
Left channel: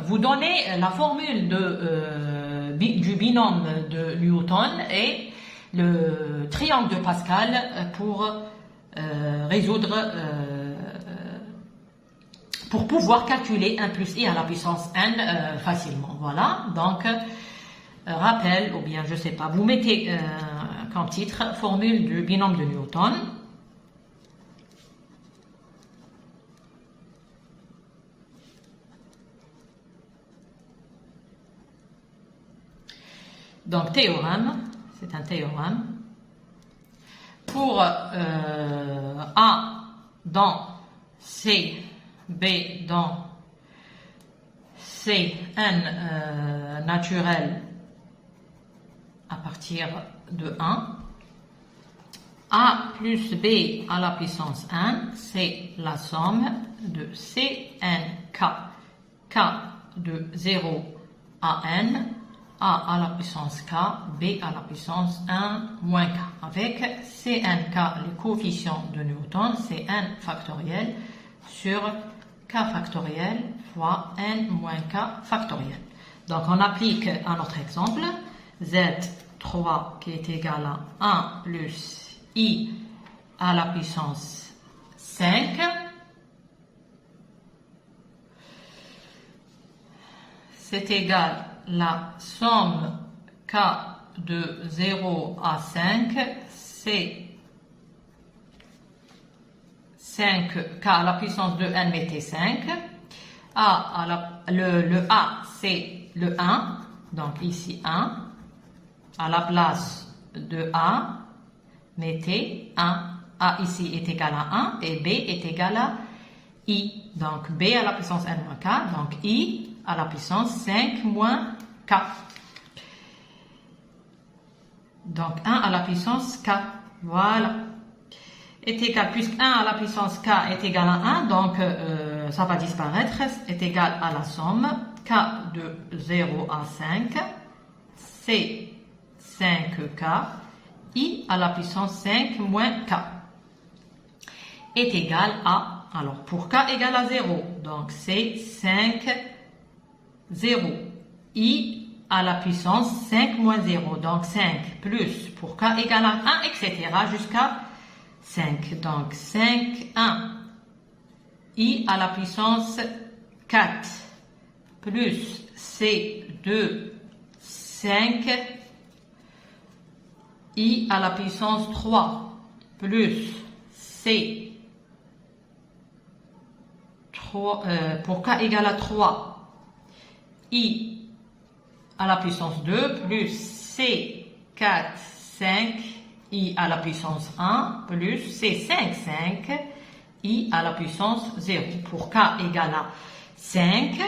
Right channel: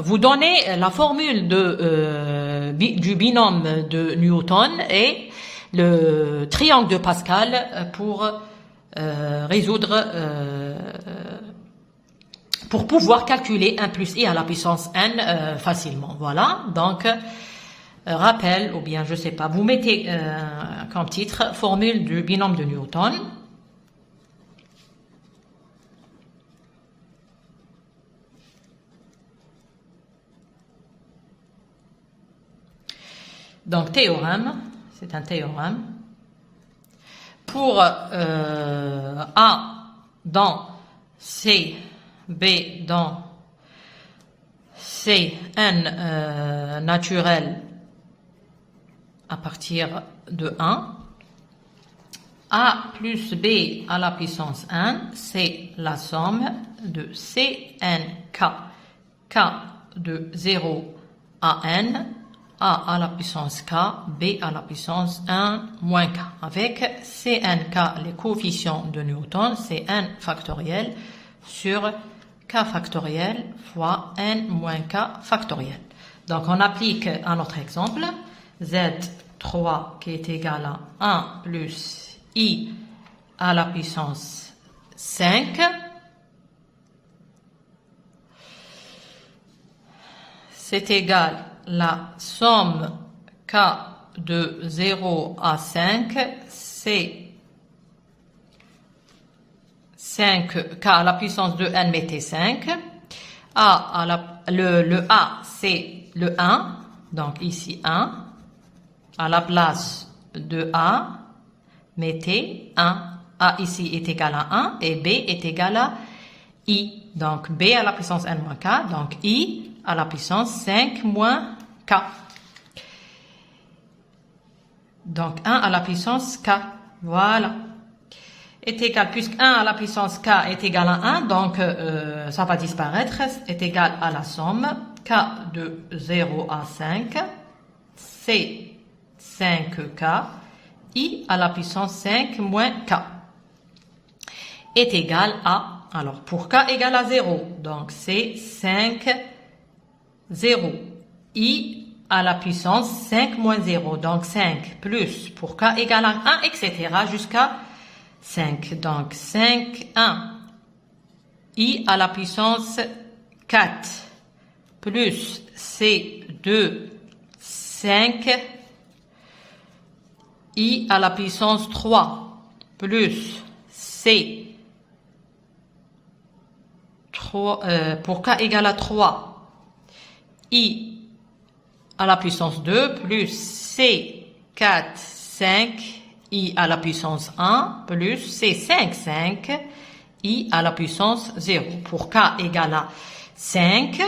vous donner la formule du binôme de Newton et le triangle de Pascal pour résoudre, pour pouvoir calculer 1 plus i à la puissance n facilement. Voilà, donc rappel, ou bien je sais pas, vous mettez comme titre formule du binôme de Newton. Donc, théorème, c'est un théorème. Pour A dans C, B dans C, N naturel à partir de 1. A plus B à la puissance n, c'est la somme de Cnk, k de 0 à n, a à la puissance k, b à la puissance 1 moins k, avec Cnk, les coefficients de Newton, c'est n factoriel sur k factoriel fois n moins k factoriel. Donc on applique à notre exemple, Z3 qui est égal à 1 plus I à la puissance 5, c'est égal à la somme k de 0 à 5, c'est 5k à la puissance de n, mettez 5. Le A, c'est le 1, donc ici 1. À la place de A, mettez 1. A ici est égal à 1 et B est égal à I. Donc B à la puissance n moins k, donc I à la puissance 5 moins k. Donc 1 à la puissance k, voilà. Est égal, puisque 1 à la puissance k est égal à 1, donc ça va disparaître, est égal à la somme k de 0 à 5, c'est 5k, I à la puissance 5 moins k, est égal à, alors pour k égale à 0, donc c'est 5, 0, I à la puissance 5 moins 0, donc 5 plus, pour k égale à 1, etc. jusqu'à 5, donc 5, 1, I à la puissance 4, plus C2, 5, I à la puissance 3, plus C, 3, pour k égale à 3, I à la puissance 2, plus C, 4, 5, I à la puissance 1 plus C5, 5, I à la puissance 0. Pour k égale à 5,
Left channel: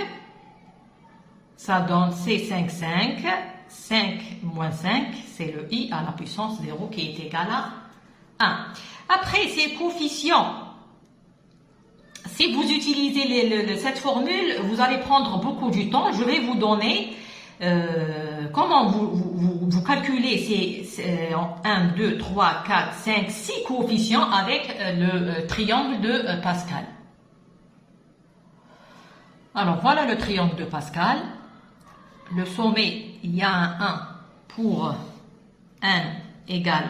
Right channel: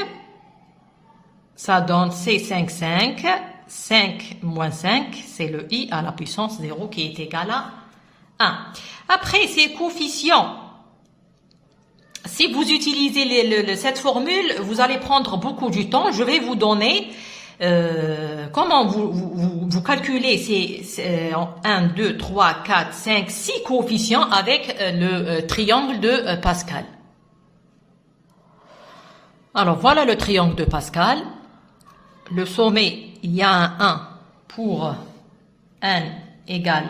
ça donne C5, 5, 5 moins 5, c'est le I à la puissance 0 qui est égal à 1. Après, ces coefficients, si vous utilisez cette formule, vous allez prendre beaucoup de temps. Je vais vous donner comment vous calculez ces 1, 2, 3, 4, 5, 6 coefficients avec le triangle de Pascal. Alors voilà le triangle de Pascal. Le sommet, il y a un 1 pour n égale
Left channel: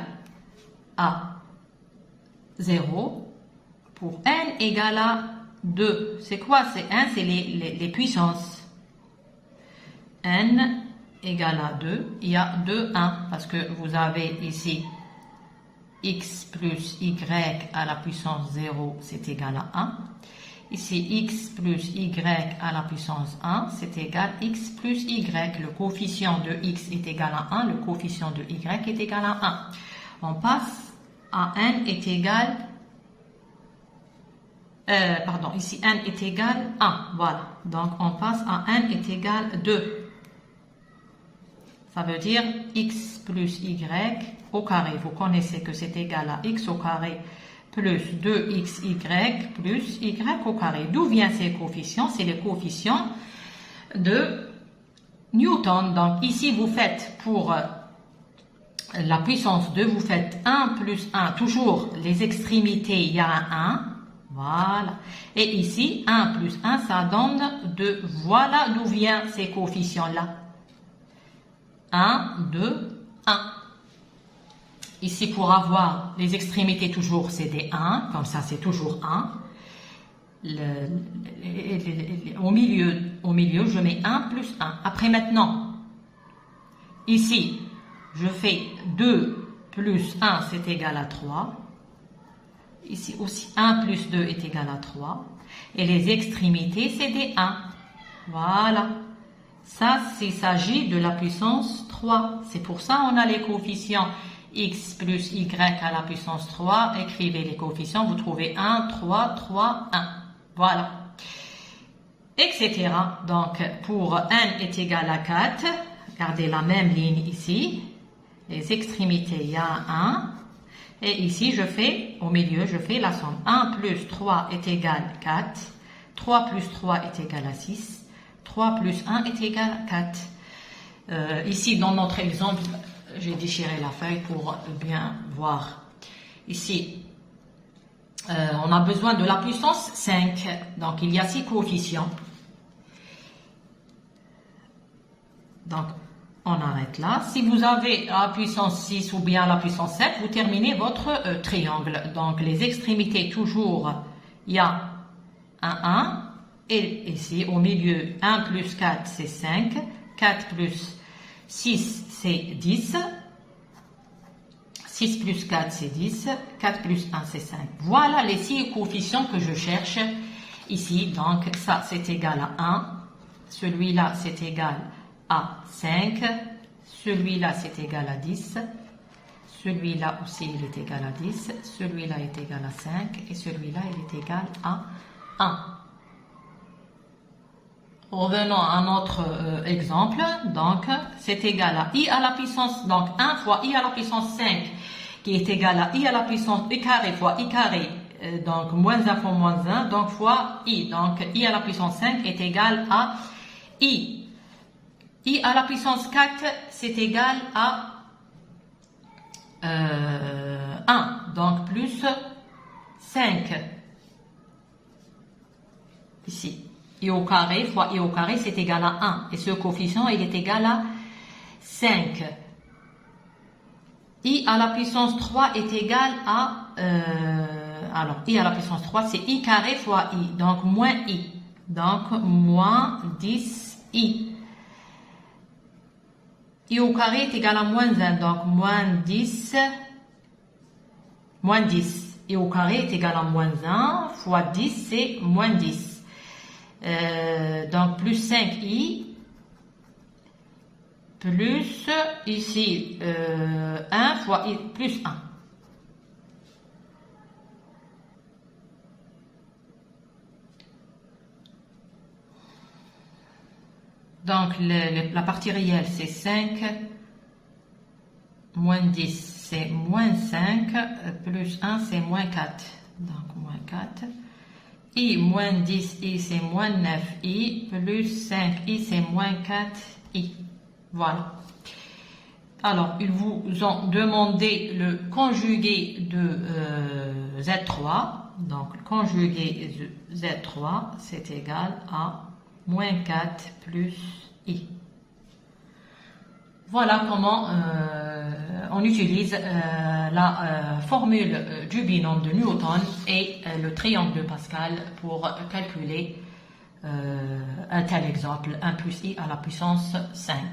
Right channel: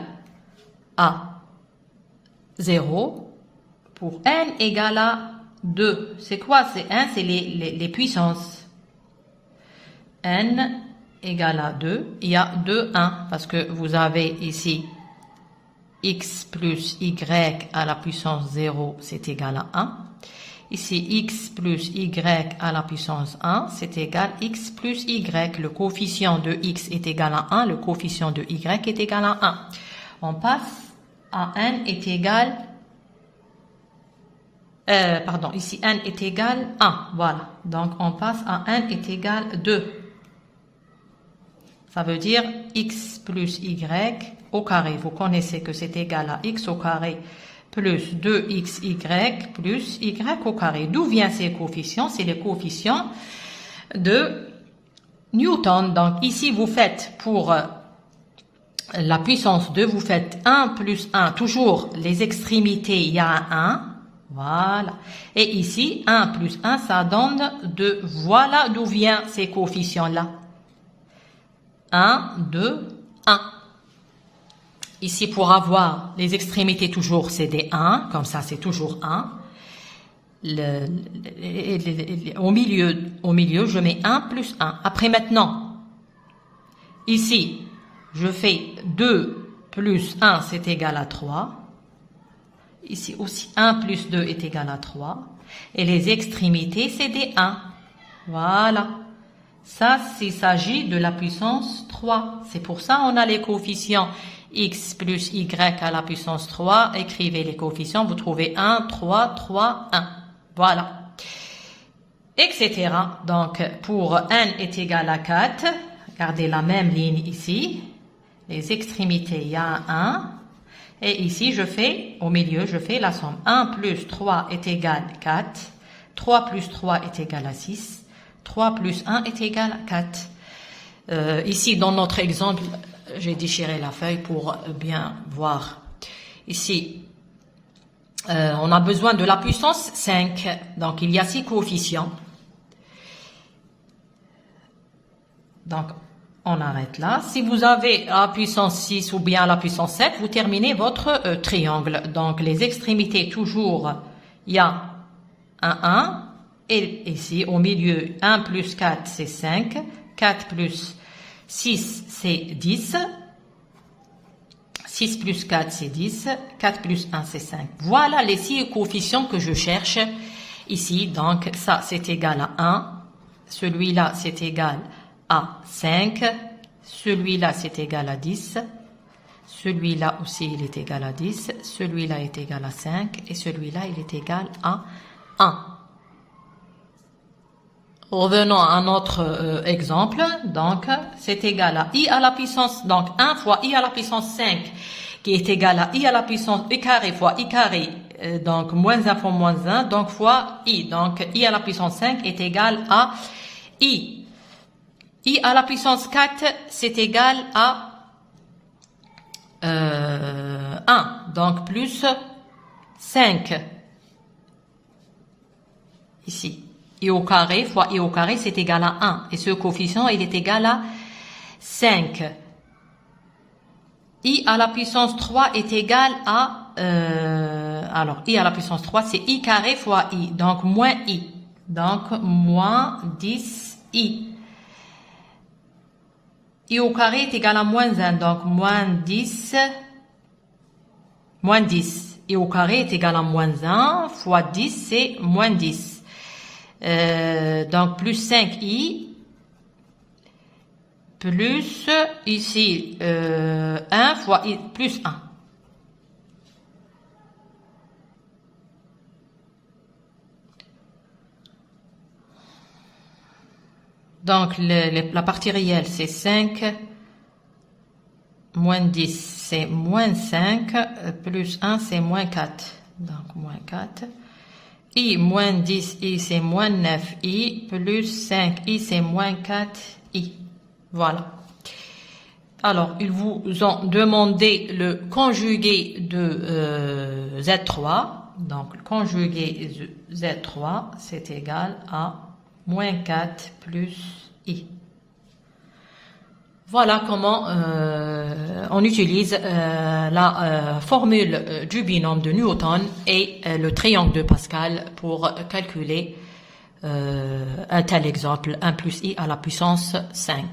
à 0. Pour n égale à 2. C'est quoi? C'est 1, c'est les puissances. N égale à 2, il y a 2, 1, parce que vous avez ici x plus y à la puissance 0, c'est égal à 1. Ici, x plus y à la puissance 1, c'est égal à x plus y. Le coefficient de x est égal à 1, le coefficient de y est égal à 1. On passe à n est égal, ici n est égal à 1, voilà. Donc, on passe à n est égal à 2. Ça veut dire x plus y au carré. Vous connaissez que c'est égal à x au carré plus 2xy plus y au carré. D'où viennent ces coefficients? C'est les coefficients de Newton. Donc ici, vous faites pour la puissance 2, vous faites 1 plus 1. Toujours les extrémités, il y a un 1. Voilà. Et ici, 1 plus 1, ça donne 2. Voilà d'où viennent ces coefficients-là. 1, 2, 1. Ici, pour avoir les extrémités, toujours, c'est des 1. Comme ça, c'est toujours 1. Au milieu, je mets 1 plus 1. Après, maintenant, ici, je fais 2 plus 1, c'est égal à 3. Ici aussi, 1 plus 2 est égal à 3. Et les extrémités, c'est des 1. Voilà. Ça, il s'agit de la puissance 3. C'est pour ça qu'on a les coefficients x plus y à la puissance 3. Écrivez les coefficients, vous trouvez 1, 3, 3, 1. Voilà. Etc. Donc, pour n est égal à 4, regardez la même ligne ici. les extrémités, il y a un 1. Et ici, au milieu, je fais la somme. 1 plus 3 est égal à 4. 3 plus 3 est égal à 6. 3 plus 1 est égal à 4. Ici, dans notre exemple, j'ai déchiré la feuille pour bien voir. Ici, on a besoin de la puissance 5. Donc, il y a 6 coefficients. Donc, on arrête là. Si vous avez la puissance 6 ou bien la puissance 7, vous terminez votre triangle. Donc, les extrémités, toujours, il y a un 1. Et ici, au milieu, 1 plus 4, c'est 5. 4 plus 6, c'est 10. 6 plus 4, c'est 10. 4 plus 1, c'est 5. Voilà les 6 coefficients que je cherche ici. Donc, ça, c'est égal à 1. Celui-là, c'est égal à 5. Celui-là, c'est égal à 10. Celui-là aussi, il est égal à 10. Celui-là est égal à 5. Et celui-là, il est égal à 1. Revenons à notre exemple. Donc, c'est égal à i à la puissance, donc 1 fois i à la puissance 5, qui est égal à i à la puissance i carré fois i carré, donc moins 1 fois moins 1, donc fois i. Donc, i à la puissance 5 est égal à i. I à la puissance 4, c'est égal à 1, donc plus 5. Ici. I au carré fois i au carré, c'est égal à 1. Et ce coefficient, il est égal à 5. I à la puissance 3 est égal à... alors, i à la puissance 3, c'est i carré fois i. Donc, moins i. Donc, moins 10i. I au carré est égal à moins 1. Donc, moins 10. Moins 10. I au carré est égal à moins 1 fois 10, c'est moins 10. Donc, plus 5i, plus, ici, 1 fois i, plus 1. Donc, la partie réelle, c'est 5, moins 10, c'est moins 5, plus 1, c'est moins 4. Donc, moins 4. I moins 10i, c'est moins 9i, plus 5i, c'est moins 4i. Voilà. Alors, ils vous ont demandé le conjugué de Z3. Donc, le conjugué de Z3, c'est égal à moins 4 plus i. Voilà comment on utilise la formule du binôme de Newton et le triangle de Pascal pour calculer un tel exemple, 1 plus i à la puissance 5.